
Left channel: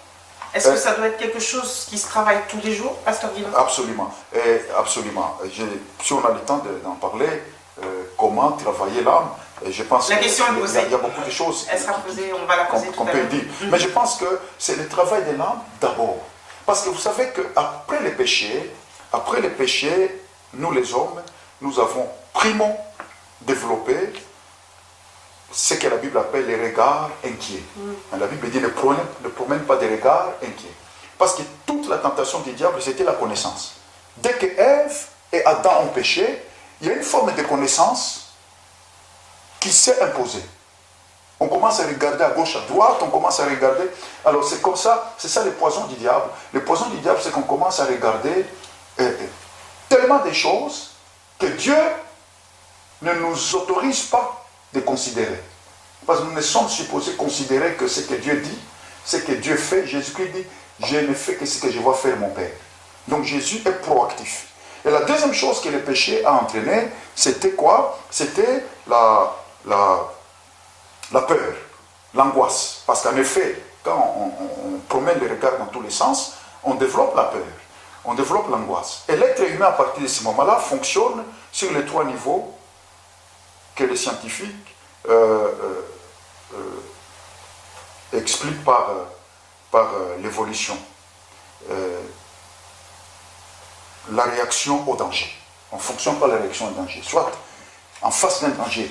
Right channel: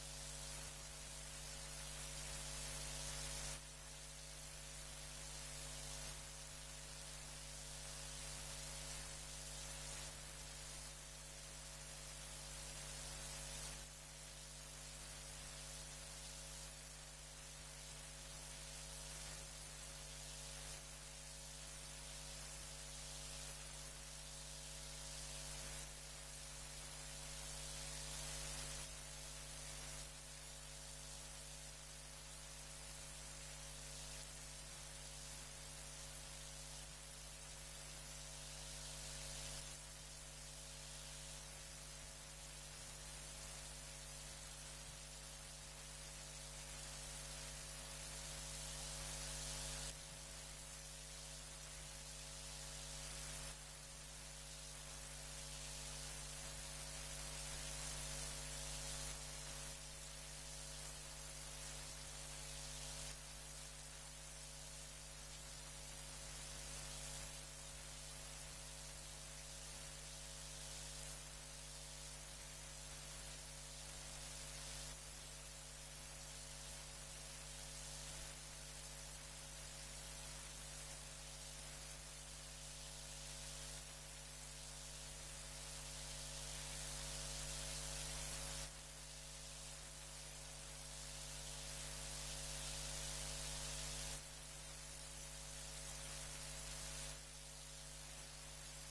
Est-ce que ça doit être quelque chose qui se travaille tous les jours, Pasteur Guillaume? Absolument. Absolument. Si on a le temps d'en parler, comment travailler l'âme, je pense la question est posée. Il y a beaucoup de choses Elle sera posée, on va la poser qu'on peut dire. Mais je pense que c'est le travail de l'âme d'abord. Parce que vous savez qu'après le péché, nous les hommes, nous avons primo développé ce que la Bible appelle les regards inquiets. La Bible dit ne promène pas des regards inquiets. Parce que toute la tentation du diable, c'était la connaissance. Dès que Ève et Adam ont péché, il y a une forme de connaissance qui s'est imposée. On commence à regarder à gauche, à droite, on commence à regarder. Alors c'est comme ça, c'est ça le poison du diable. Le poison du diable, c'est qu'on commence à regarder tellement de choses que Dieu ne nous autorise pas de considérer. Parce que nous ne sommes supposés considérer que ce que Dieu dit, ce que Dieu fait. Jésus-Christ dit, je ne fais que ce que je vois faire mon Père. Donc Jésus est proactif. Et la deuxième chose que le péché a entraîné, c'était quoi? C'était la peur, l'angoisse. Parce qu'en effet, quand on promène le regard dans tous les sens, on développe la peur, on développe l'angoisse. Et l'être humain, à partir de ce moment-là, fonctionne sur les trois niveaux que les scientifiques expliquent par l'évolution. La réaction au danger. On ne fonctionne pas la réaction au danger. Soit en face d'un danger,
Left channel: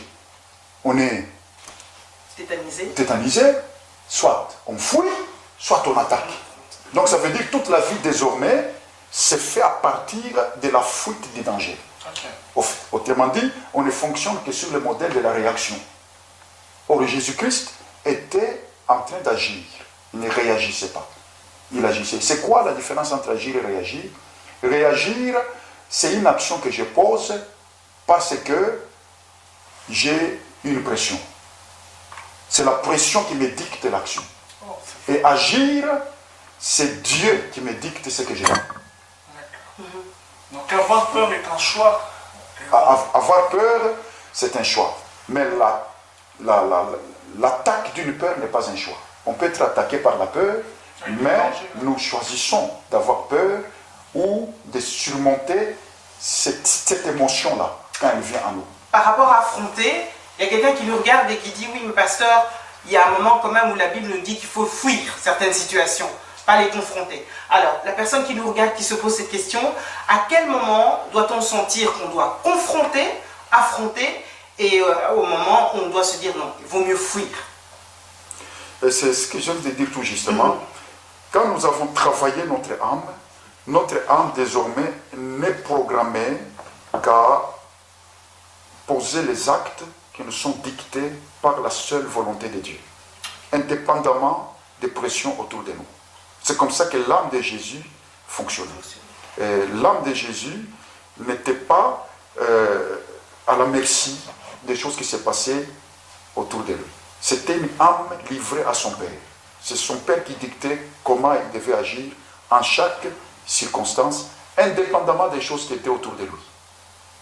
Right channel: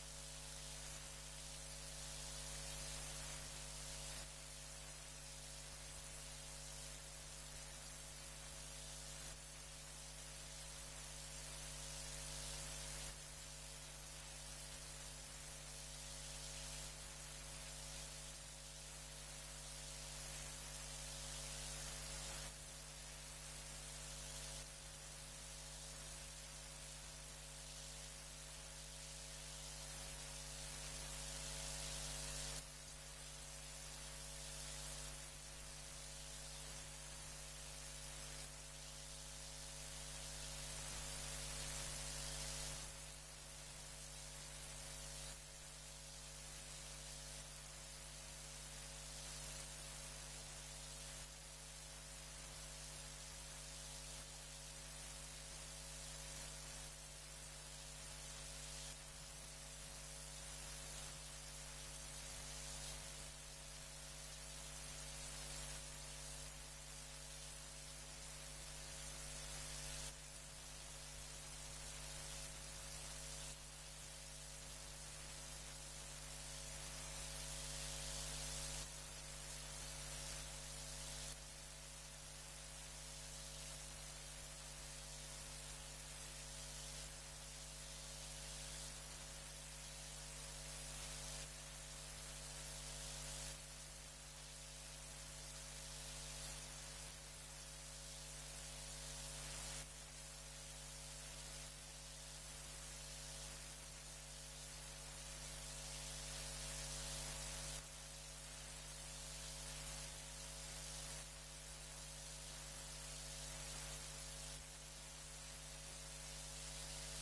on est tétanisé, soit on fuit, soit on attaque. Donc ça veut dire que toute la vie désormais se fait à partir de la fuite du danger. Autrement dit, on ne fonctionne que sur le modèle de la réaction. Or, Jésus-Christ était en train d'agir. Il ne réagissait pas. Il agissait. C'est quoi la différence entre agir et réagir? Réagir, c'est une action que je pose parce que j'ai une pression. C'est la pression qui me dicte l'action. Et agir, c'est Dieu qui me dicte ce que je fais. Donc avoir peur est un choix. Avoir peur, c'est un choix. Mais l'attaque d'une peur n'est pas un choix. On peut être attaqué par la peur, mais nous choisissons d'avoir peur ou de surmonter cette émotion-là quand elle vient à nous. Par rapport à affronter, il y a quelqu'un qui nous regarde et qui dit, oui, mais pasteur, il y a un moment quand même où la Bible nous dit qu'il faut fuir certaines situations, pas les confronter. Alors, la personne qui nous regarde, qui se pose cette question, à quel moment doit-on sentir qu'on doit confronter, affronter, et au moment où on doit se dire non, il vaut mieux fuir? C'est ce que je viens de dire tout justement. Quand nous avons travaillé notre âme désormais n'est programmée qu'à poser les actes qui nous sont dictés par la seule volonté de Dieu, indépendamment des pressions autour de nous. C'est comme ça que l'âme de Jésus fonctionnait. L'âme de Jésus n'était pas à la merci des choses qui se passaient autour de lui. C'était une âme livrée à son Père. C'est son Père qui dictait comment il devait agir en chaque circonstance, indépendamment des choses qui étaient autour de lui.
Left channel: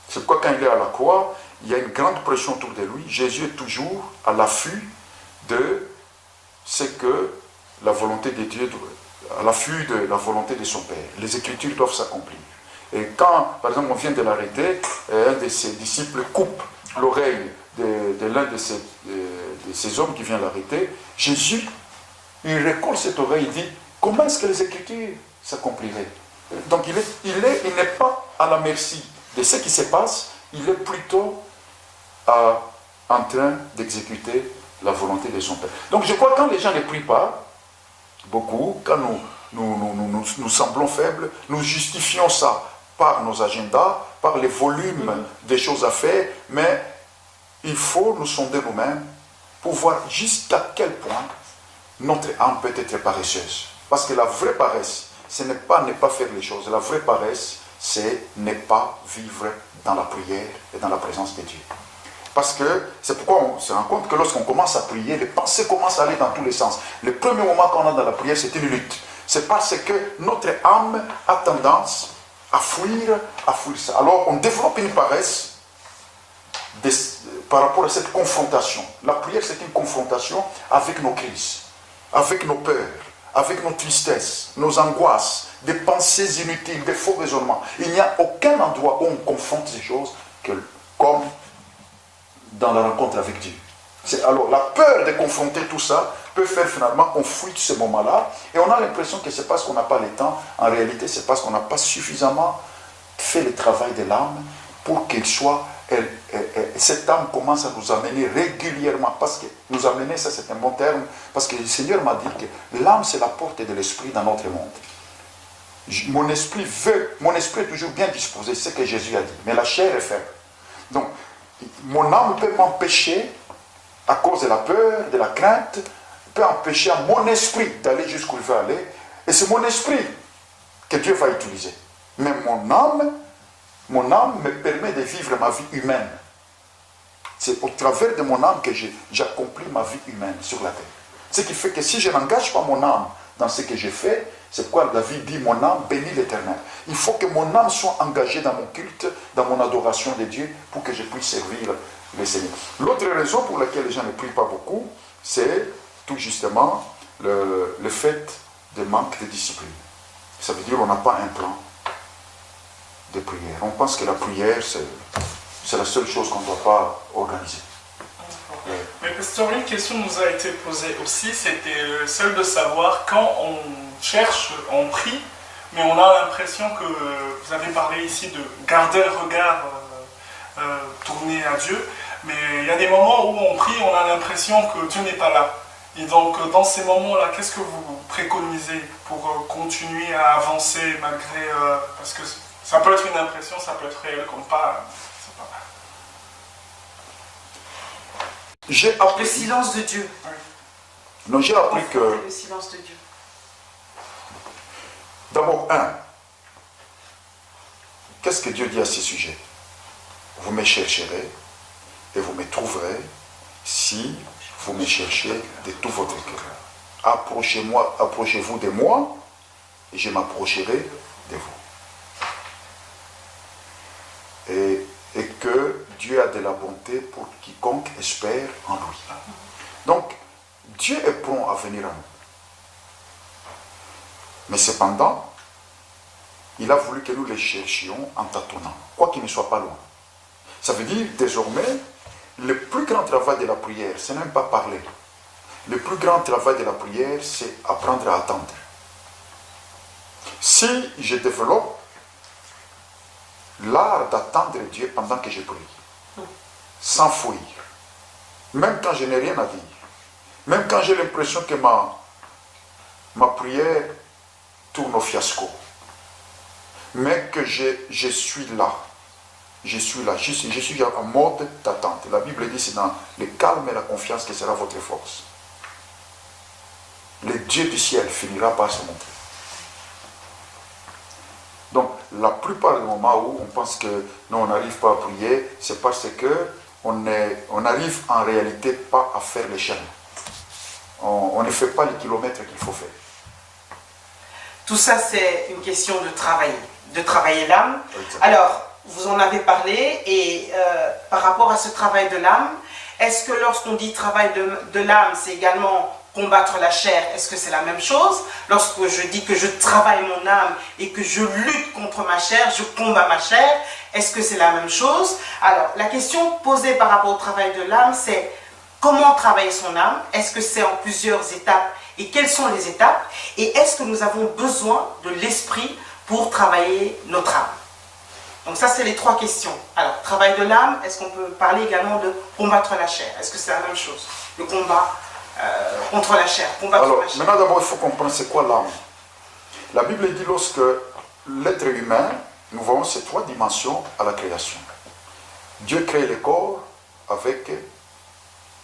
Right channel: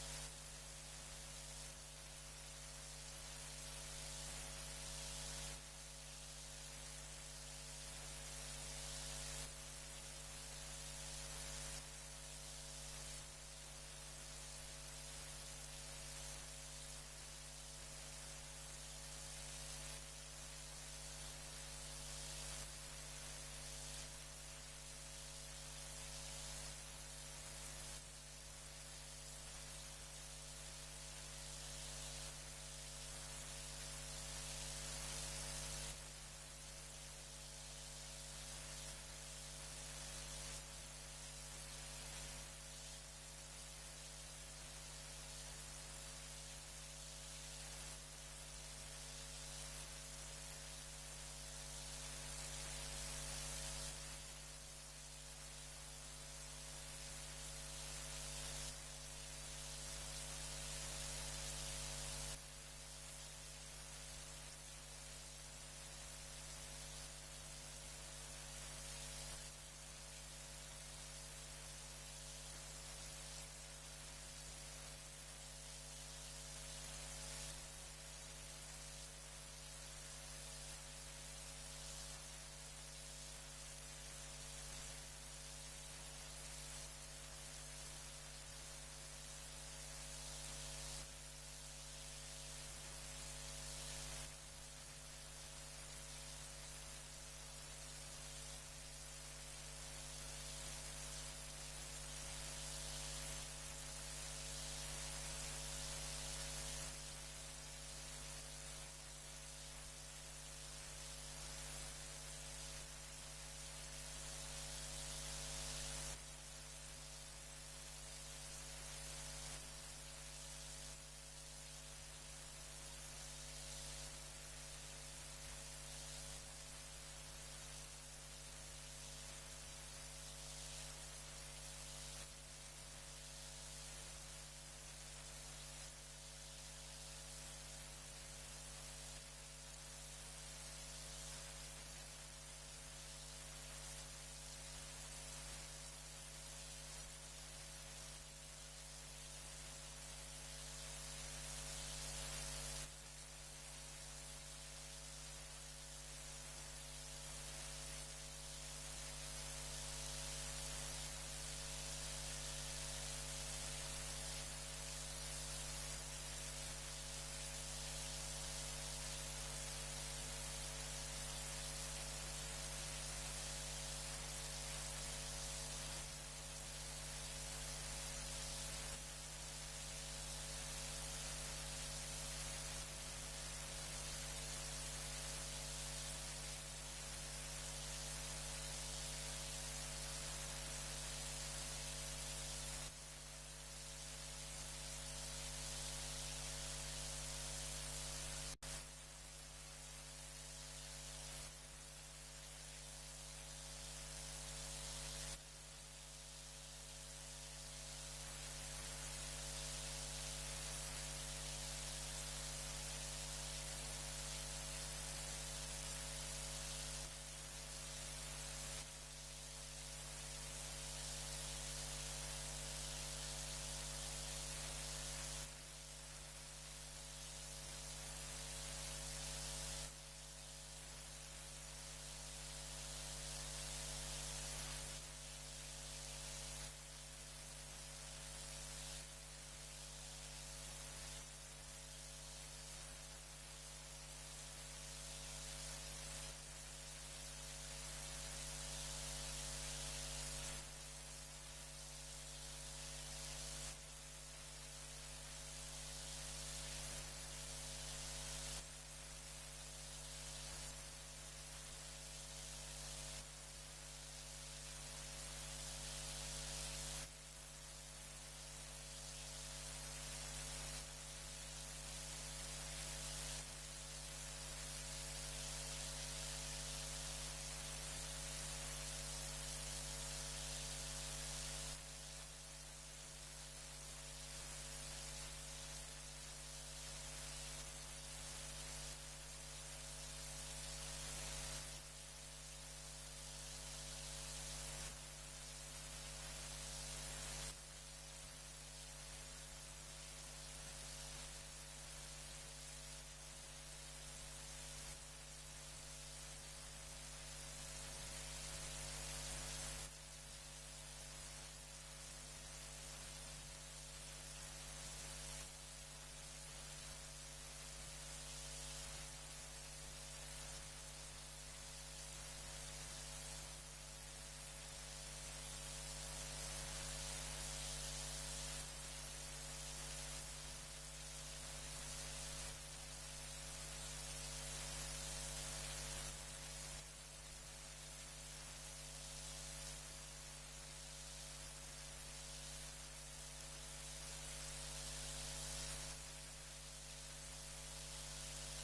C'est pourquoi quand il est à la croix, il y a une grande pression autour de lui. Jésus est toujours à l'affût de ce que la volonté de Dieu, à l'affût de la volonté de son Père. Les Écritures doivent s'accomplir. Et quand, par exemple, on vient de l'arrêter, un de ses disciples coupe l'oreille de l'un de ces hommes qui vient l'arrêter, Jésus, il recolle cette oreille et dit, comment est-ce que les Écritures s'accompliraient? Donc il n'est pas à la merci de ce qui se passe, il est plutôt en train d'exécuter la volonté de son Père. Donc je crois que quand les gens ne prient pas, beaucoup, quand nous semblons faibles, nous justifions ça par nos agendas, par les volumes des choses à faire, mais il faut nous sonder nous-mêmes pour voir jusqu'à quel point notre âme peut être paresseuse. Parce que la vraie paresse, ce n'est pas ne pas faire les choses. La vraie paresse, c'est ne pas vivre dans la prière et dans la présence de Dieu. Parce que c'est pourquoi on se rend compte que lorsqu'on commence à prier, les pensées commencent à aller dans tous les sens. Le premier moment qu'on a dans la prière, c'est une lutte. C'est parce que notre âme a tendance à fuir ça. Alors on développe une paresse par rapport à cette confrontation. La prière, c'est une confrontation avec nos crises, avec nos peurs, avec nos tristesses, nos angoisses, des pensées inutiles, des faux raisonnements. Il n'y a aucun endroit où on confronte ces choses comme dans la rencontre avec Dieu. Alors la peur de confronter tout ça peut faire finalement qu'on fuit ce moment-là et on a l'impression que c'est parce qu'on n'a pas le temps. En réalité, c'est parce qu'on n'a pas suffisamment fait le travail de l'âme pour qu'elle soit... cette âme commence à nous amener régulièrement, parce que nous amener, ça c'est un bon terme, parce que le Seigneur m'a dit que l'âme c'est la porte de l'esprit dans notre monde. Mon esprit est toujours bien disposé, c'est ce que Jésus a dit, mais la chair est faible. Donc, mon âme peut m'empêcher, à cause de la peur, de la crainte, peut empêcher à mon esprit d'aller jusqu'où il veut aller, et c'est mon esprit que Dieu va utiliser. Mais mon âme me permet de vivre ma vie humaine. C'est au travers de mon âme que j'accomplis ma vie humaine sur la terre. Ce qui fait que si je n'engage pas mon âme dans ce que je fais, c'est pourquoi David dit, mon âme bénit l'Éternel. Il faut que mon âme soit engagée dans mon culte, dans mon adoration de Dieu, pour que je puisse servir le Seigneur. L'autre raison pour laquelle les gens ne prient pas beaucoup, c'est tout justement le fait de manque de discipline. Ça veut dire qu'on n'a pas un plan de prière. On pense que la prière, c'est la seule chose qu'on ne doit pas organiser. Mais pasteur, une question nous a été posée aussi, c'était celle de savoir quand on cherche, on prie, mais on a l'impression que, vous avez parlé ici de garder le regard tourné à Dieu, mais il y a des moments où on prie, on a l'impression que Dieu n'est pas là. Et donc dans ces moments-là, qu'est-ce que vous préconisez pour continuer à avancer malgré... parce que ça peut être une impression, ça peut être réel comme pas... J'ai appris le silence de Dieu. Non, j'ai appris que... Le silence de Dieu. D'abord, qu'est-ce que Dieu dit à ce sujet? Vous me chercherez et vous me trouverez si vous me cherchez de tout votre cœur. Approchez-vous de moi et je m'approcherai de vous. Et que Dieu a de la bonté pour quiconque espère en lui. Donc, Dieu est prompt à venir à nous. Mais cependant, il a voulu que nous les cherchions en tâtonnant, quoi qu'il ne soit pas loin. Ça veut dire, désormais, le plus grand travail de la prière, ce n'est même pas parler. Le plus grand travail de la prière, c'est apprendre à attendre. Si je développe l'art d'attendre Dieu pendant que je prie, sans fuir, même quand je n'ai rien à dire, même quand j'ai l'impression que ma prière tourne au fiasco, mais que je suis là, je suis en mode d'attente. La Bible dit c'est dans le calme et la confiance que sera votre force. Le Dieu du ciel finira par se montrer. Donc, la plupart des moments où on pense que non, on n'arrive pas à prier, c'est parce qu'on n'arrive en réalité pas à faire les chemins. On ne fait pas les kilomètres qu'il faut faire. Tout ça, c'est une question de travailler l'âme. Alors, vous en avez parlé, et par rapport à ce travail de l'âme, est-ce que lorsqu'on dit travail de l'âme, c'est également combattre la chair, est-ce que c'est la même chose? Lorsque je dis que je travaille mon âme et que je lutte contre ma chair, je combats ma chair, est-ce que c'est la même chose? Alors, la question posée par rapport au travail de l'âme, c'est comment travailler son âme? Est-ce que c'est en plusieurs étapes? Et quelles sont les étapes? Et est-ce que nous avons besoin de l'esprit pour travailler notre âme? Donc ça, c'est les trois questions. Alors, travail de l'âme, est-ce qu'on peut parler également de combattre la chair? Est-ce que c'est la même chose? Le combat contre la chair, combattre Alors, la chair. maintenant d'abord, il faut comprendre c'est quoi l'âme. La Bible dit lorsque l'être humain, nous voyons ces trois dimensions à la création. Dieu crée le corps avec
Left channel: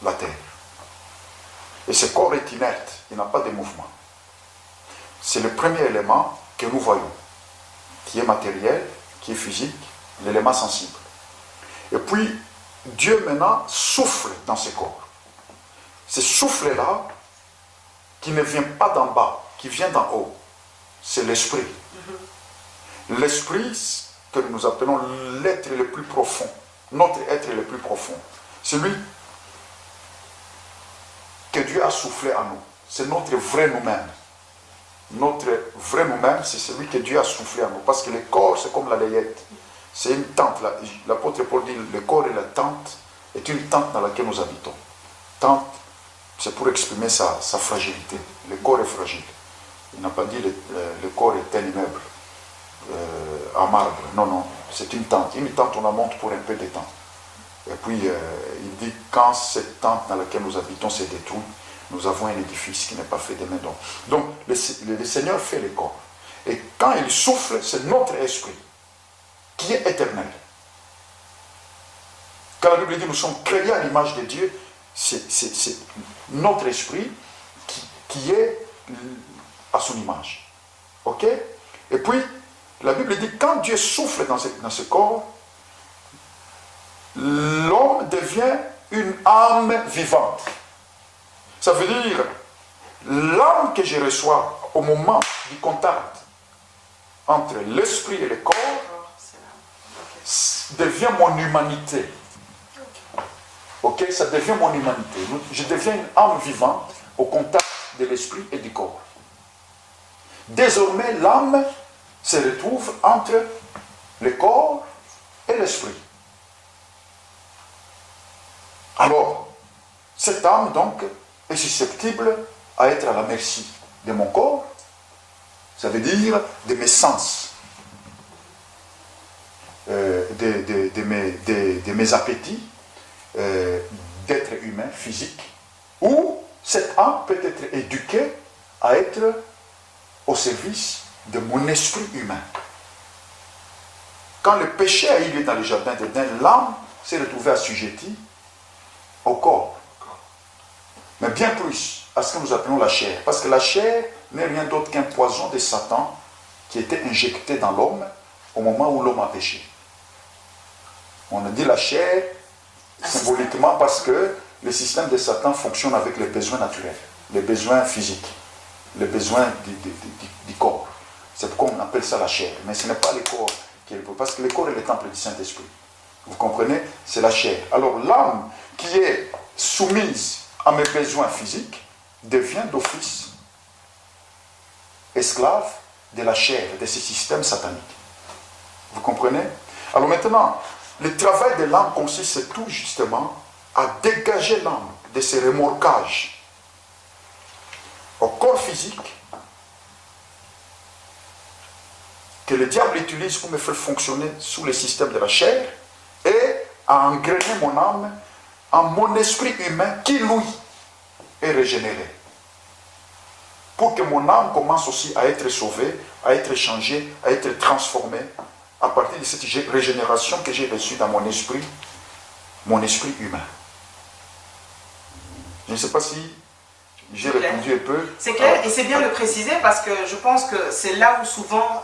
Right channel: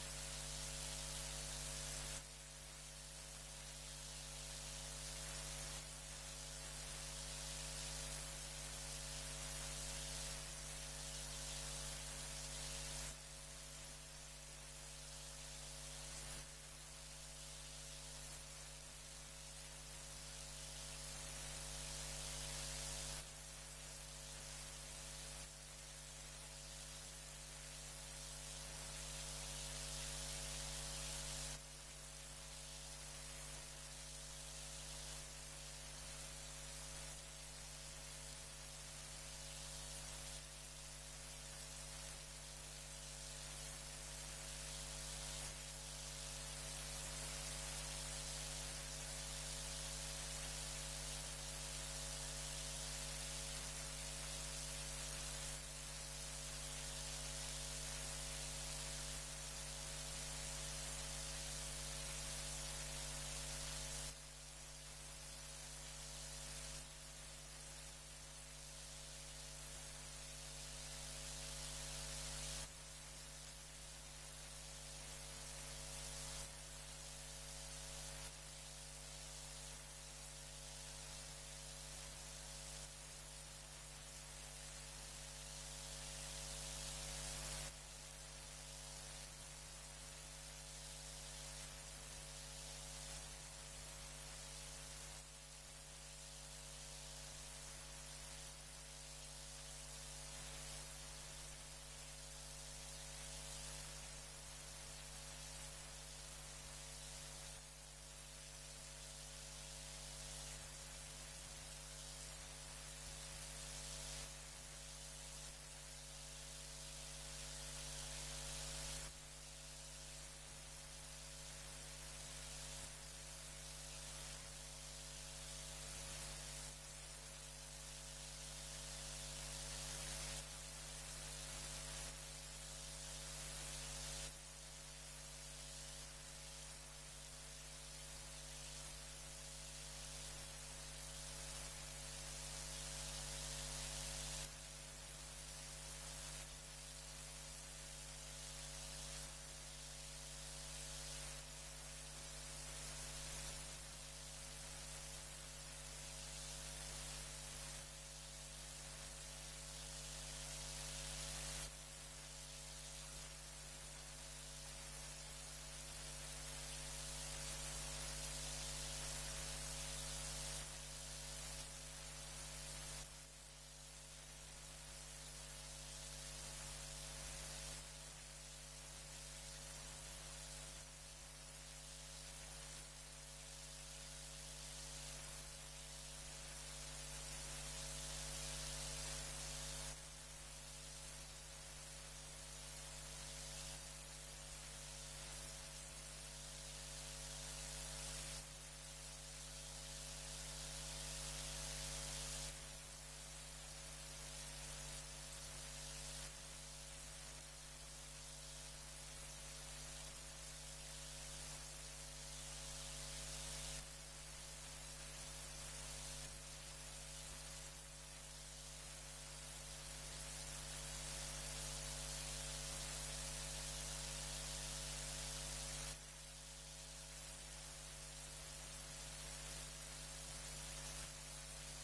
la terre. Et ce corps est inerte, il n'a pas de mouvement. C'est le premier élément que nous voyons, qui est matériel, qui est physique, l'élément sensible. Et puis, Dieu maintenant souffle dans ce corps. Ce souffle-là, qui ne vient pas d'en bas, qui vient d'en haut, c'est l'esprit. L'esprit, que nous appelons l'être le plus profond, notre être le plus profond, celui que Dieu a soufflé en nous. C'est notre vrai nous-mêmes. Notre vrai nous-mêmes, c'est celui que Dieu a soufflé en nous. Parce que le corps, c'est comme la layette. C'est une tente. L'apôtre Paul dit, le corps et la tente est une tente dans laquelle nous habitons. Tente, c'est pour exprimer sa fragilité. Le corps est fragile. Il n'a pas dit le corps est un immeuble en marbre. Non, non, c'est une tente. Une tente, on la monte pour un peu de temps. Et puis, il dit, quand cette tente dans laquelle nous habitons s'est détruite, nous avons un édifice qui n'est pas fait de main d'homme. Donc, le Seigneur fait le corps. Et quand il souffle, c'est notre esprit qui est éternel. Quand la Bible dit nous sommes créés à l'image de Dieu, c'est notre esprit qui est à son image. Ok? Et puis, la Bible dit quand Dieu souffle dans ce corps, l'homme devient une âme vivante. Ça veut dire, l'âme que je reçois au moment du contact entre l'esprit et le corps devient mon humanité. Ok, ça devient mon humanité. Je deviens une âme vivante au contact de l'esprit et du corps. Désormais, l'âme se retrouve entre le corps et l'esprit. Alors, cette âme, donc, est susceptible à être à la merci de mon corps, ça veut dire de mes sens, de mes appétits, d'être humain, physique, ou cette âme peut être éduquée à être au service de mon esprit humain. Quand le péché a eu lieu dans le jardin d'Éden, l'âme s'est retrouvée assujettie au corps. Mais bien plus à ce que nous appelons la chair. Parce que la chair n'est rien d'autre qu'un poison de Satan qui était injecté dans l'homme au moment où l'homme a péché. On a dit la chair symboliquement parce que le système de Satan fonctionne avec les besoins naturels, les besoins physiques, les besoins du corps. C'est pourquoi on appelle ça la chair. Mais ce n'est pas le corps qui est le corps, parce que le corps est le temple du Saint-Esprit. Vous comprenez? C'est la chair. Alors l'âme qui est soumise à mes besoins physiques devient d'office esclave de la chair, de ce système satanique. Vous comprenez? Alors maintenant, le travail de l'âme consiste tout justement à dégager l'âme de ces remorquages au corps physique que le diable utilise pour me faire fonctionner sous le système de la chair et à engrainer mon âme en mon esprit humain qui, lui, est régénéré. Pour que mon âme commence aussi à être sauvée, à être changée, à être transformée à partir de cette régénération que j'ai reçue dans mon esprit humain. Je ne sais pas si j'ai répondu un peu. C'est clair, et c'est bien de le préciser parce que je pense que c'est là où souvent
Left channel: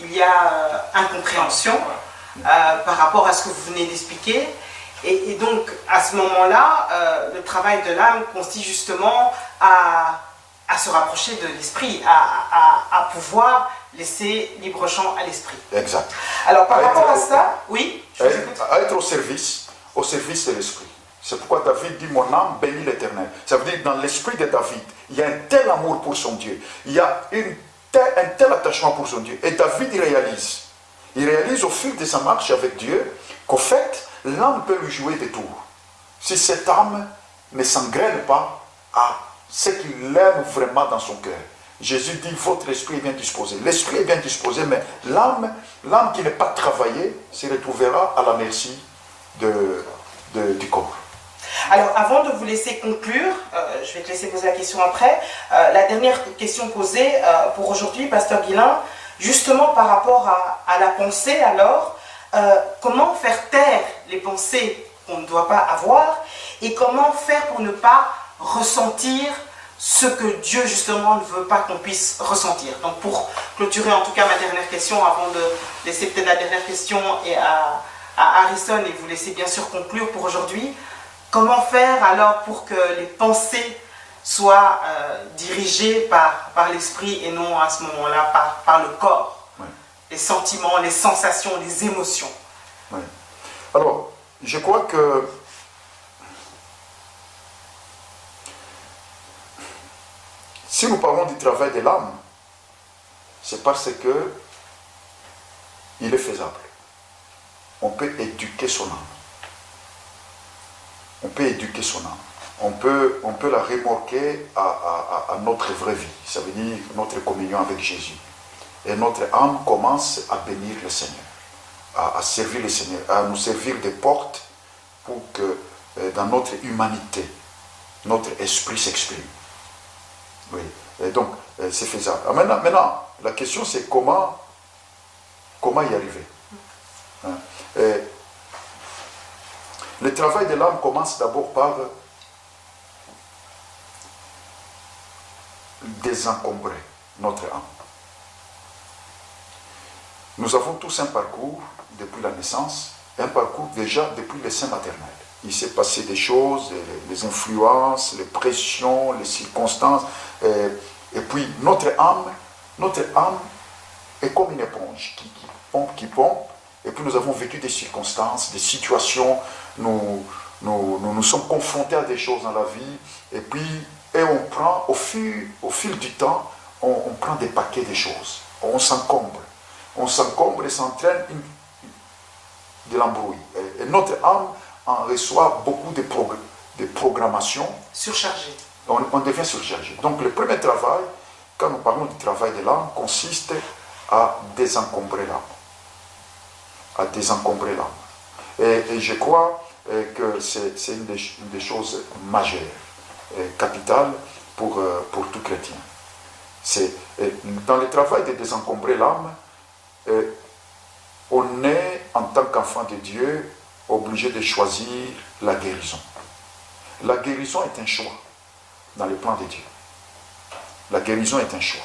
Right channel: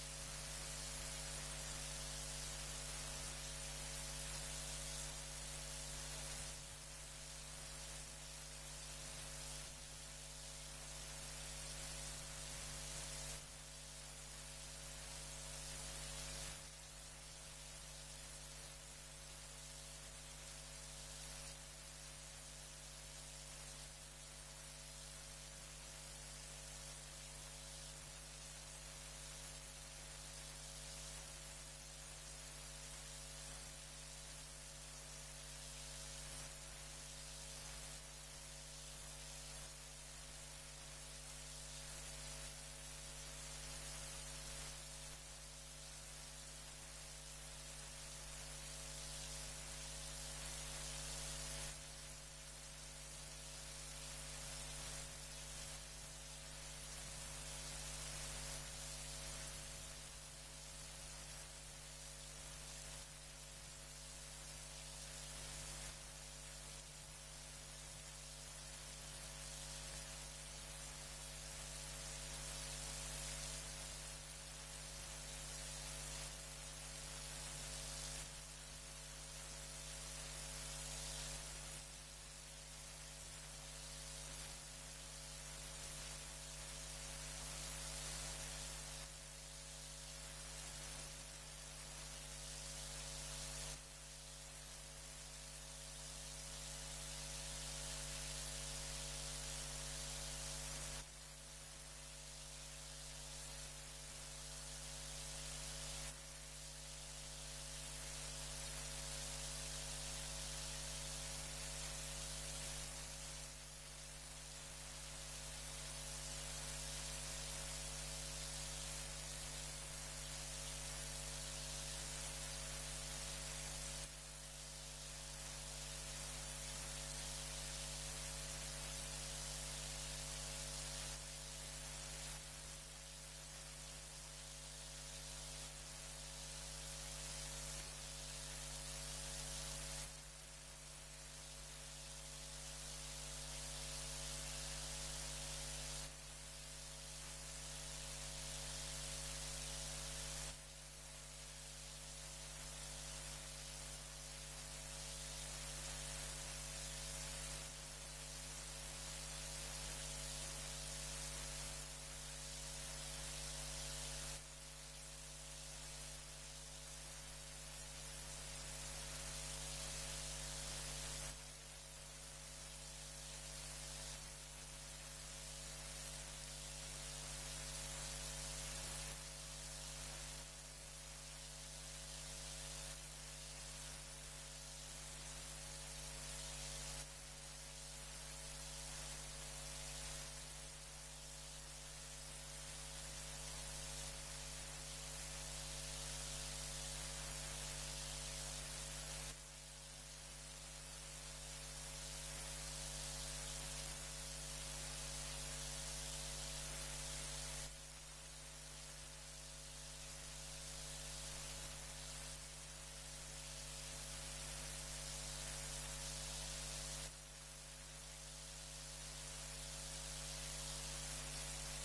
il y a incompréhension par rapport à ce que vous venez d'expliquer. Et donc, à ce moment-là, le travail de l'âme consiste justement à se rapprocher de l'esprit, à pouvoir laisser libre champ à l'esprit. Exact. Alors, par rapport à ça, oui, je vous écoute. À être au service de l'esprit. C'est pourquoi David dit, mon âme bénit l'Éternel. Ça veut dire, dans l'esprit de David, il y a un tel amour pour son Dieu. Il y a un tel attachement pour son Dieu. Et David, il réalise au fil de sa marche avec Dieu qu'au fait, l'âme peut lui jouer des tours. Si cette âme ne s'engraine pas à ce qu'il aime vraiment dans son cœur. Jésus dit, votre esprit est bien disposé. L'esprit est bien disposé, mais l'âme qui n'est pas travaillée se retrouvera à la merci du corps. Alors, avant de vous laisser conclure, je vais te laisser poser la question après, la dernière question posée pour aujourd'hui, Pasteur Guilain, justement par rapport à la pensée, alors, comment faire taire les pensées qu'on ne doit pas avoir et comment faire pour ne pas ressentir ce que Dieu, justement, ne veut pas qu'on puisse ressentir. Donc, pour clôturer, en tout cas, ma dernière question, avant de laisser peut-être la dernière question à Harrison et vous laisser bien sûr conclure pour aujourd'hui, comment faire alors pour que les pensées soient dirigées par l'esprit et non à ce moment-là par le corps, Oui. Les sentiments, les sensations, les émotions. Oui. Alors, je crois que si nous parlons du travail de l'âme, c'est parce que il est faisable. On peut éduquer son âme. On peut éduquer son âme. On peut la remorquer à notre vraie vie. Ça veut dire notre communion avec Jésus. Et notre âme commence à bénir le Seigneur, à servir le Seigneur, à nous servir de porte pour que dans notre humanité, notre esprit s'exprime. Oui. Et donc, c'est faisable. Alors maintenant, la question c'est comment y arriver. Hein? Le travail de l'âme commence d'abord par désencombrer notre âme. Nous avons tous un parcours depuis la naissance, un parcours déjà depuis le sein maternel. Il s'est passé des choses, les influences, les pressions, les circonstances, et puis notre âme est comme une éponge qui pompe, et puis nous avons vécu des circonstances, des situations, nous sommes confrontés à des choses dans la vie, et on prend, au fil du temps, on prend des paquets de choses, on s'encombre et ça entraîne de l'embrouille. Et notre âme en reçoit beaucoup de programmations. Surchargé. On devient surchargé. Donc le premier travail, quand nous parlons du travail de l'âme, consiste à désencombrer l'âme. Et je crois que c'est une des choses majeures, capitales pour tout chrétien. Dans le travail de désencombrer l'âme, on est, en tant qu'enfant de Dieu, obligé de choisir la guérison. La guérison est un choix dans le plan de Dieu. La guérison est un choix.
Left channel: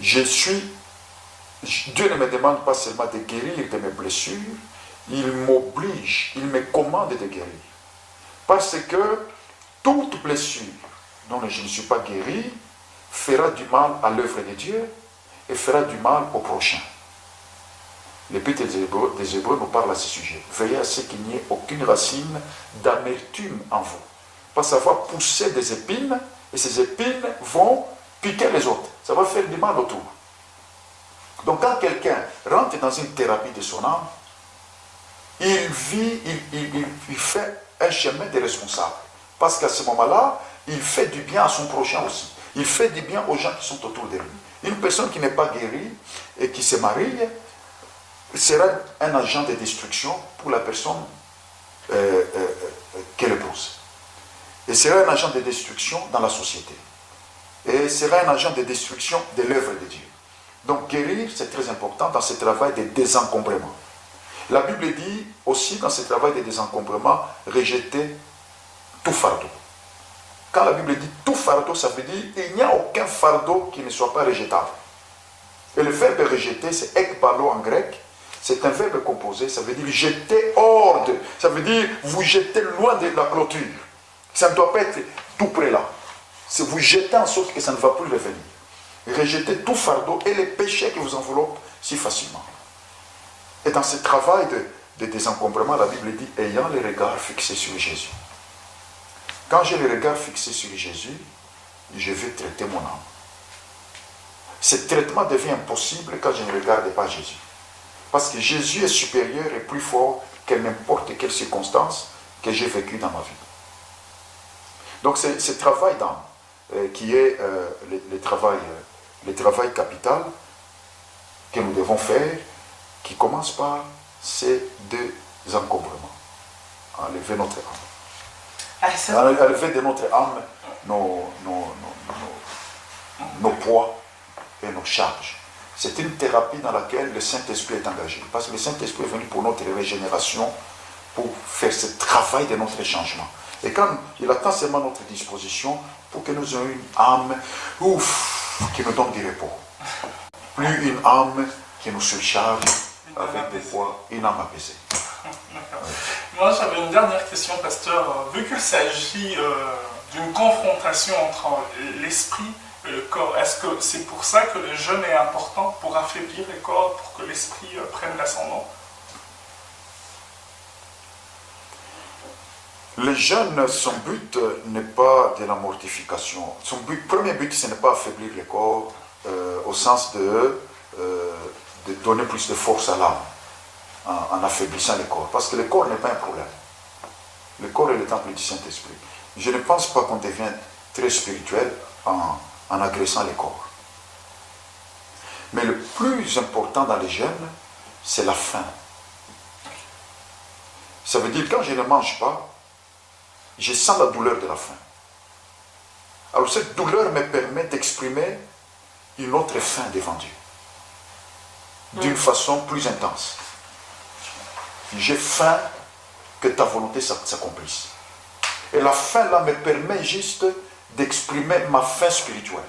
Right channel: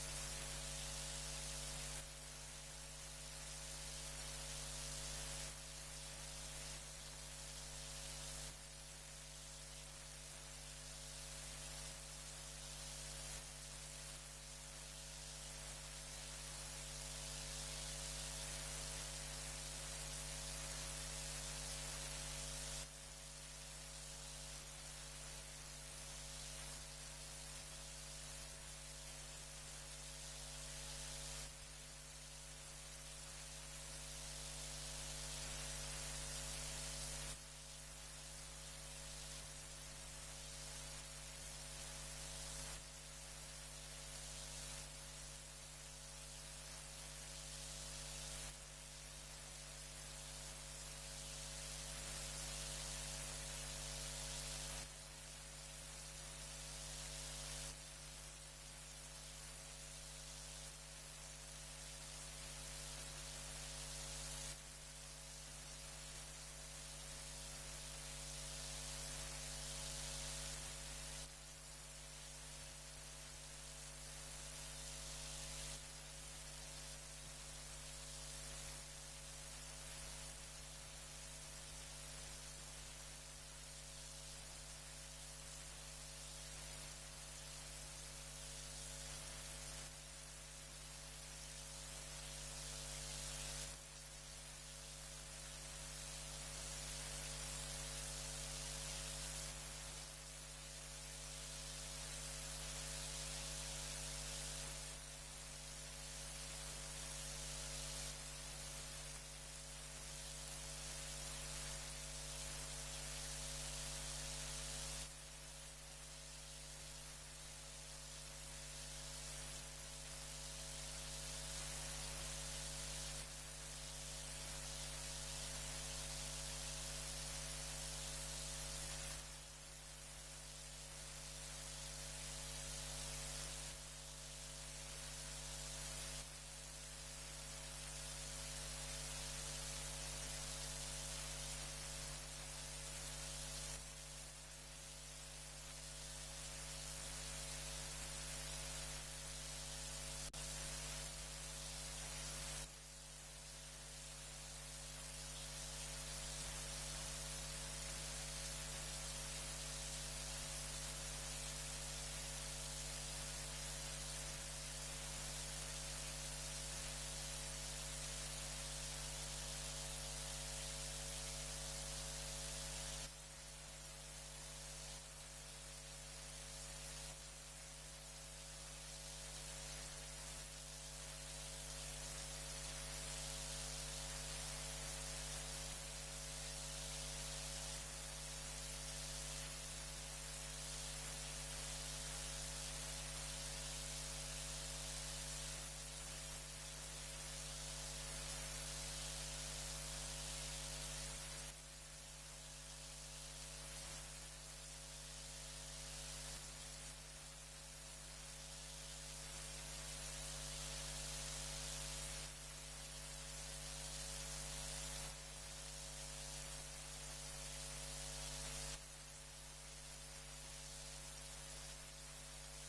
Dieu ne me demande pas seulement de guérir de mes blessures, il m'oblige, il me commande de guérir. Parce que toute blessure dont je ne suis pas guéri fera du mal à l'œuvre de Dieu et fera du mal au prochain. L'Épître des Hébreux nous parle à ce sujet. Veillez à ce qu'il n'y ait aucune racine d'amertume en vous. Parce que ça va pousser des épines, et ces épines vont piquer les autres. Ça va faire du mal autour. Donc quand quelqu'un rentre dans une thérapie de son âme, il fait un chemin de responsable. Parce qu'à ce moment-là, il fait du bien à son prochain aussi. Il fait du bien aux gens qui sont autour de lui. Une personne qui n'est pas guérie et qui se marie sera un agent de destruction pour la personne qu'elle épouse. Et sera un agent de destruction dans la société. Et sera un agent de destruction de l'œuvre de Dieu. Donc guérir, c'est très important dans ce travail de désencombrement. La Bible dit aussi dans ce travail de désencombrement, rejeter tout fardeau. Quand la Bible dit tout fardeau, ça veut dire qu'il n'y a aucun fardeau qui ne soit pas rejetable. Et le verbe rejeter, c'est ekbalo en grec. C'est un verbe composé, ça veut dire jeter hors de. Ça veut dire vous jeter loin de la clôture. Ça ne doit pas être tout près là. C'est vous jeter en sorte que ça ne va plus revenir. Rejeter tout fardeau et les péchés qui vous enveloppent si facilement. Et dans ce travail de désencombrement, la Bible dit ayant les regards fixés sur Jésus. Quand j'ai les regards fixés sur Jésus, je vais traiter mon âme. Ce traitement devient impossible quand je ne regarde pas Jésus. Parce que Jésus est supérieur et plus fort que n'importe quelle circonstance que j'ai vécue dans ma vie. Donc c'est ce travail d'âme qui est le travail capital que nous devons faire, qui commence par ces deux encombrements. Enlever notre âme. Enlever de notre âme nos poids et nos charges. C'est une thérapie dans laquelle le Saint-Esprit est engagé. Parce que le Saint-Esprit est venu pour notre régénération, pour faire ce travail de notre changement. Et quand il attend seulement notre disposition pour que nous ayons une âme qui nous donne du repos. Plus une âme qui nous surcharge avec des poids, une âme apaisée. Moi, j'avais une dernière question, pasteur. Vu qu'il s'agit d'une confrontation entre l'esprit et le corps, est-ce que c'est pour ça que le jeûne est important, pour affaiblir le corps, pour que l'esprit prenne l'ascendant? Le jeûne, son but n'est pas de la mortification. Son premier but, ce n'est pas affaiblir le corps au sens de donner plus de force à l'âme en affaiblissant le corps. Parce que le corps n'est pas un problème. Le corps est le temple du Saint-Esprit. Je ne pense pas qu'on devienne très spirituel en agressant le corps. Mais le plus important dans les jeûnes, c'est la faim. Ça veut dire que quand je ne mange pas, je sens la douleur de la faim. Alors cette douleur me permet d'exprimer une autre faim devant Dieu. D'une façon plus intense. J'ai faim que ta volonté s'accomplisse. Et la faim là me permet juste d'exprimer ma faim spirituelle.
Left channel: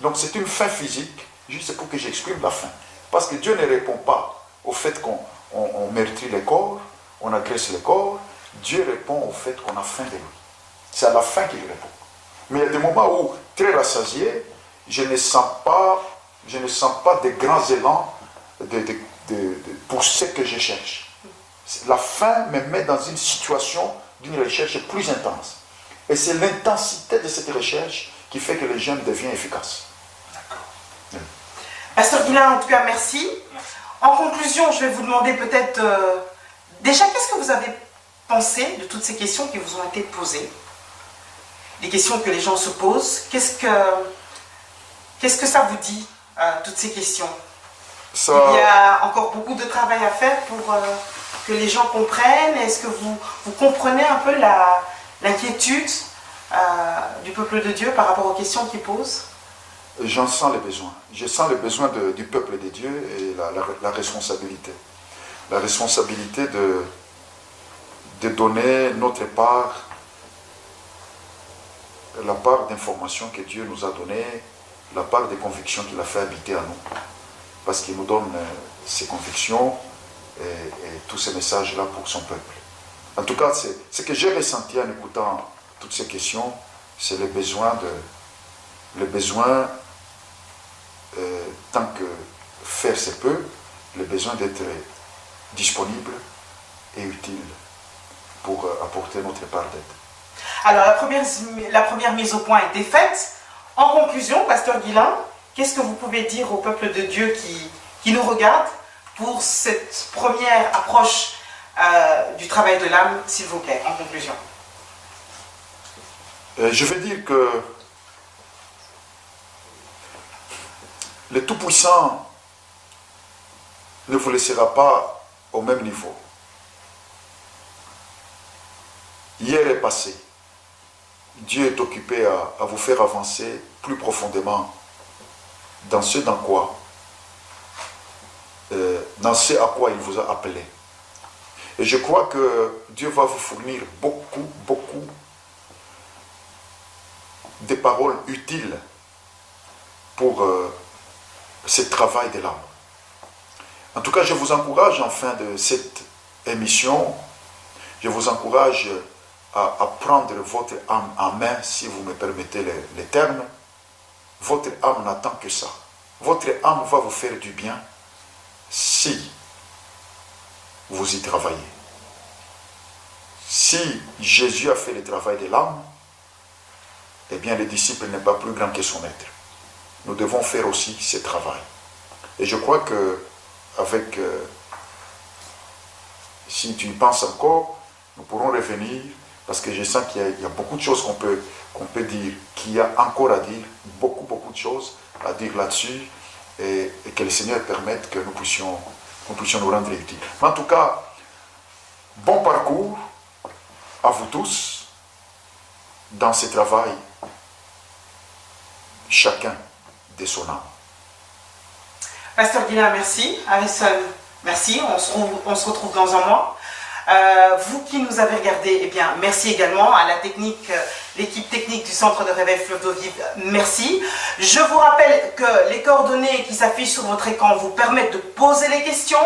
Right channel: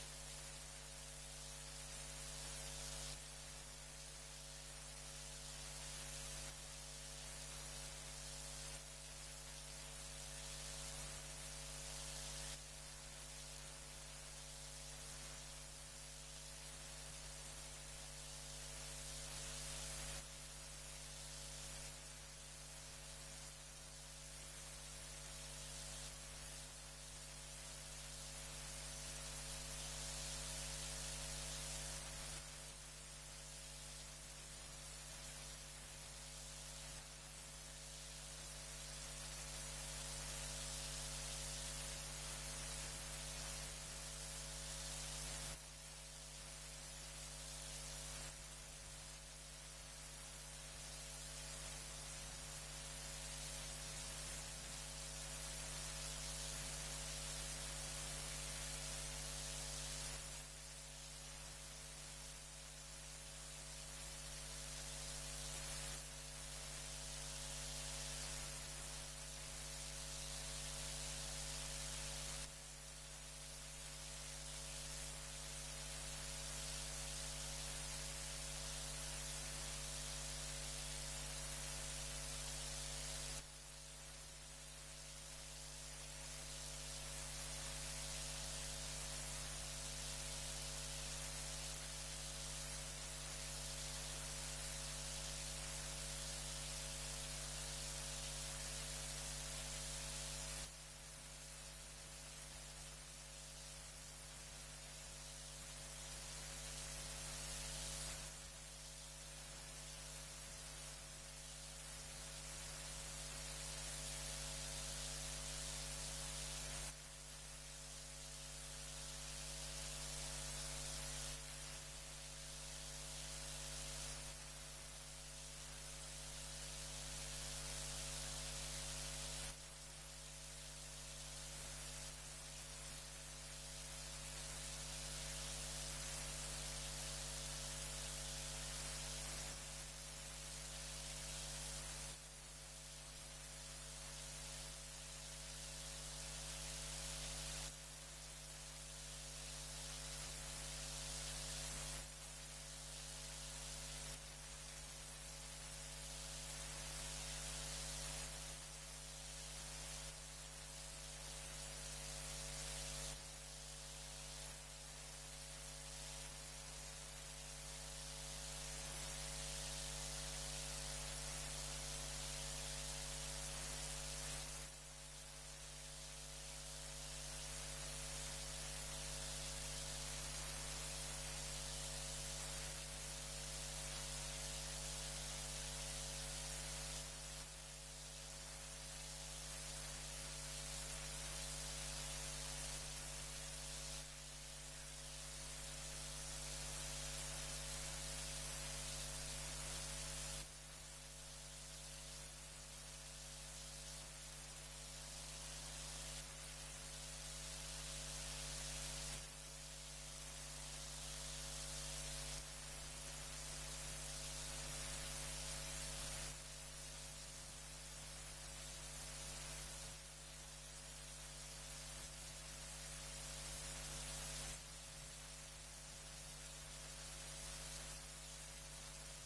Donc c'est une faim physique, juste pour que j'exprime la faim. Parce que Dieu ne répond pas au fait qu'on meurtrit le corps, on agresse le corps. Dieu répond au fait qu'on a faim de lui. C'est à la faim qu'il répond. Mais il y a des moments où, très rassasié, je ne sens pas de grands élans pour ce que je cherche. La faim me met dans une situation d'une recherche plus intense. Et c'est l'intensité de cette recherche qui fait que le jeûne devient efficace. Pasteur Guilain, en tout cas, merci. En conclusion, je vais vous demander peut-être, déjà, qu'est-ce que vous avez pensé de toutes ces questions qui vous ont été posées? Les questions que les gens se posent. Qu'est-ce que ça vous dit, toutes ces questions? Il y a encore beaucoup de travail à faire pour que les gens comprennent. Est-ce que vous comprenez un peu l'inquiétude du peuple de Dieu par rapport aux questions qu'ils posent? J'en sens les besoins. Je sens les besoins du peuple de Dieu et la responsabilité. La responsabilité de donner notre part, la part d'informations que Dieu nous a donnée, la part des convictions qu'il a fait habiter à nous. Parce qu'il nous donne ces convictions et tous ces messages-là pour son peuple. En tout cas, ce que j'ai ressenti en écoutant toutes ces questions, c'est le besoin, tant que faire se peut, le besoin d'être disponible et utile pour apporter notre part d'aide. Alors, la première mise au point a été faite. En conclusion, Pasteur Guilain, qu'est-ce que vous pouvez dire au peuple de Dieu qui nous regarde pour cette première approche du travail de l'âme, s'il vous plaît, en conclusion? Je veux dire que le Tout-Puissant ne vous laissera pas au même niveau. Hier est passé. Dieu est occupé à vous faire avancer plus profondément dans ce à quoi il vous a appelé. Et je crois que Dieu va vous fournir beaucoup de paroles utiles pour ce travail de l'âme. En tout cas, je vous encourage en fin de cette émission, je vous encourage à prendre votre âme en main, si vous me permettez les termes. Votre âme n'attend que ça. Votre âme va vous faire du bien si vous y travaillez. Si Jésus a fait le travail de l'âme, eh bien le disciple n'est pas plus grand que son maître. Nous devons faire aussi ce travail. Et je crois que avec, si tu y penses encore, nous pourrons revenir, parce que je sens qu'il y a beaucoup de choses qu'on peut dire, qu'il y a encore à dire, beaucoup de choses à dire là-dessus, et que le Seigneur permette que nous puissions nous rendre utiles. Mais en tout cas, bon parcours à vous tous dans ce travail, chacun de son âme. Pasteur Guilain, merci. Alison, merci. On se retrouve dans un mois. Vous qui nous avez regardé, eh bien, merci également à la technique, l'équipe technique du Centre de Réveil Fleuve d'Eau Vive, merci. Je vous rappelle que les coordonnées qui s'affichent sur votre écran vous permettent de poser les questions.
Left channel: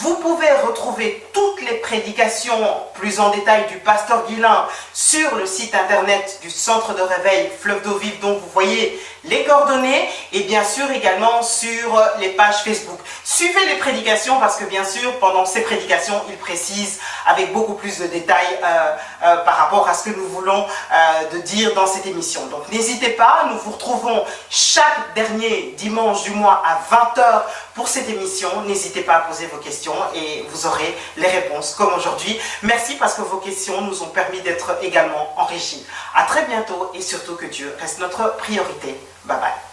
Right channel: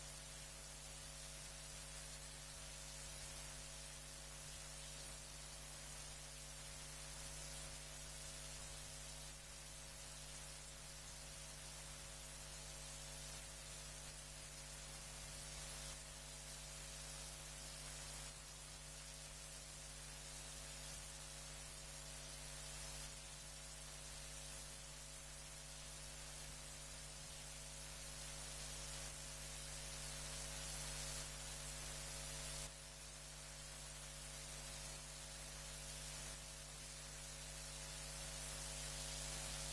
Vous pouvez retrouver toutes les prédications plus en détail du pasteur Guilain sur le site internet du Centre de Réveil Fleuve d'Eau Vive, dont vous voyez les coordonnées, et bien sûr également sur les pages Facebook. Suivez les prédications parce que bien sûr pendant ces prédications il précise avec beaucoup plus de détails par rapport à ce que nous voulons de dire dans cette émission. Donc n'hésitez pas, nous vous retrouvons chaque dernier dimanche du mois à 20 h pour cette émission. N'hésitez pas à poser vos questions et vous aurez les réponses comme aujourd'hui. Merci parce que vos questions nous ont permis d'être également enrichis. À très bientôt et surtout que Dieu reste notre priorité. Bye bye.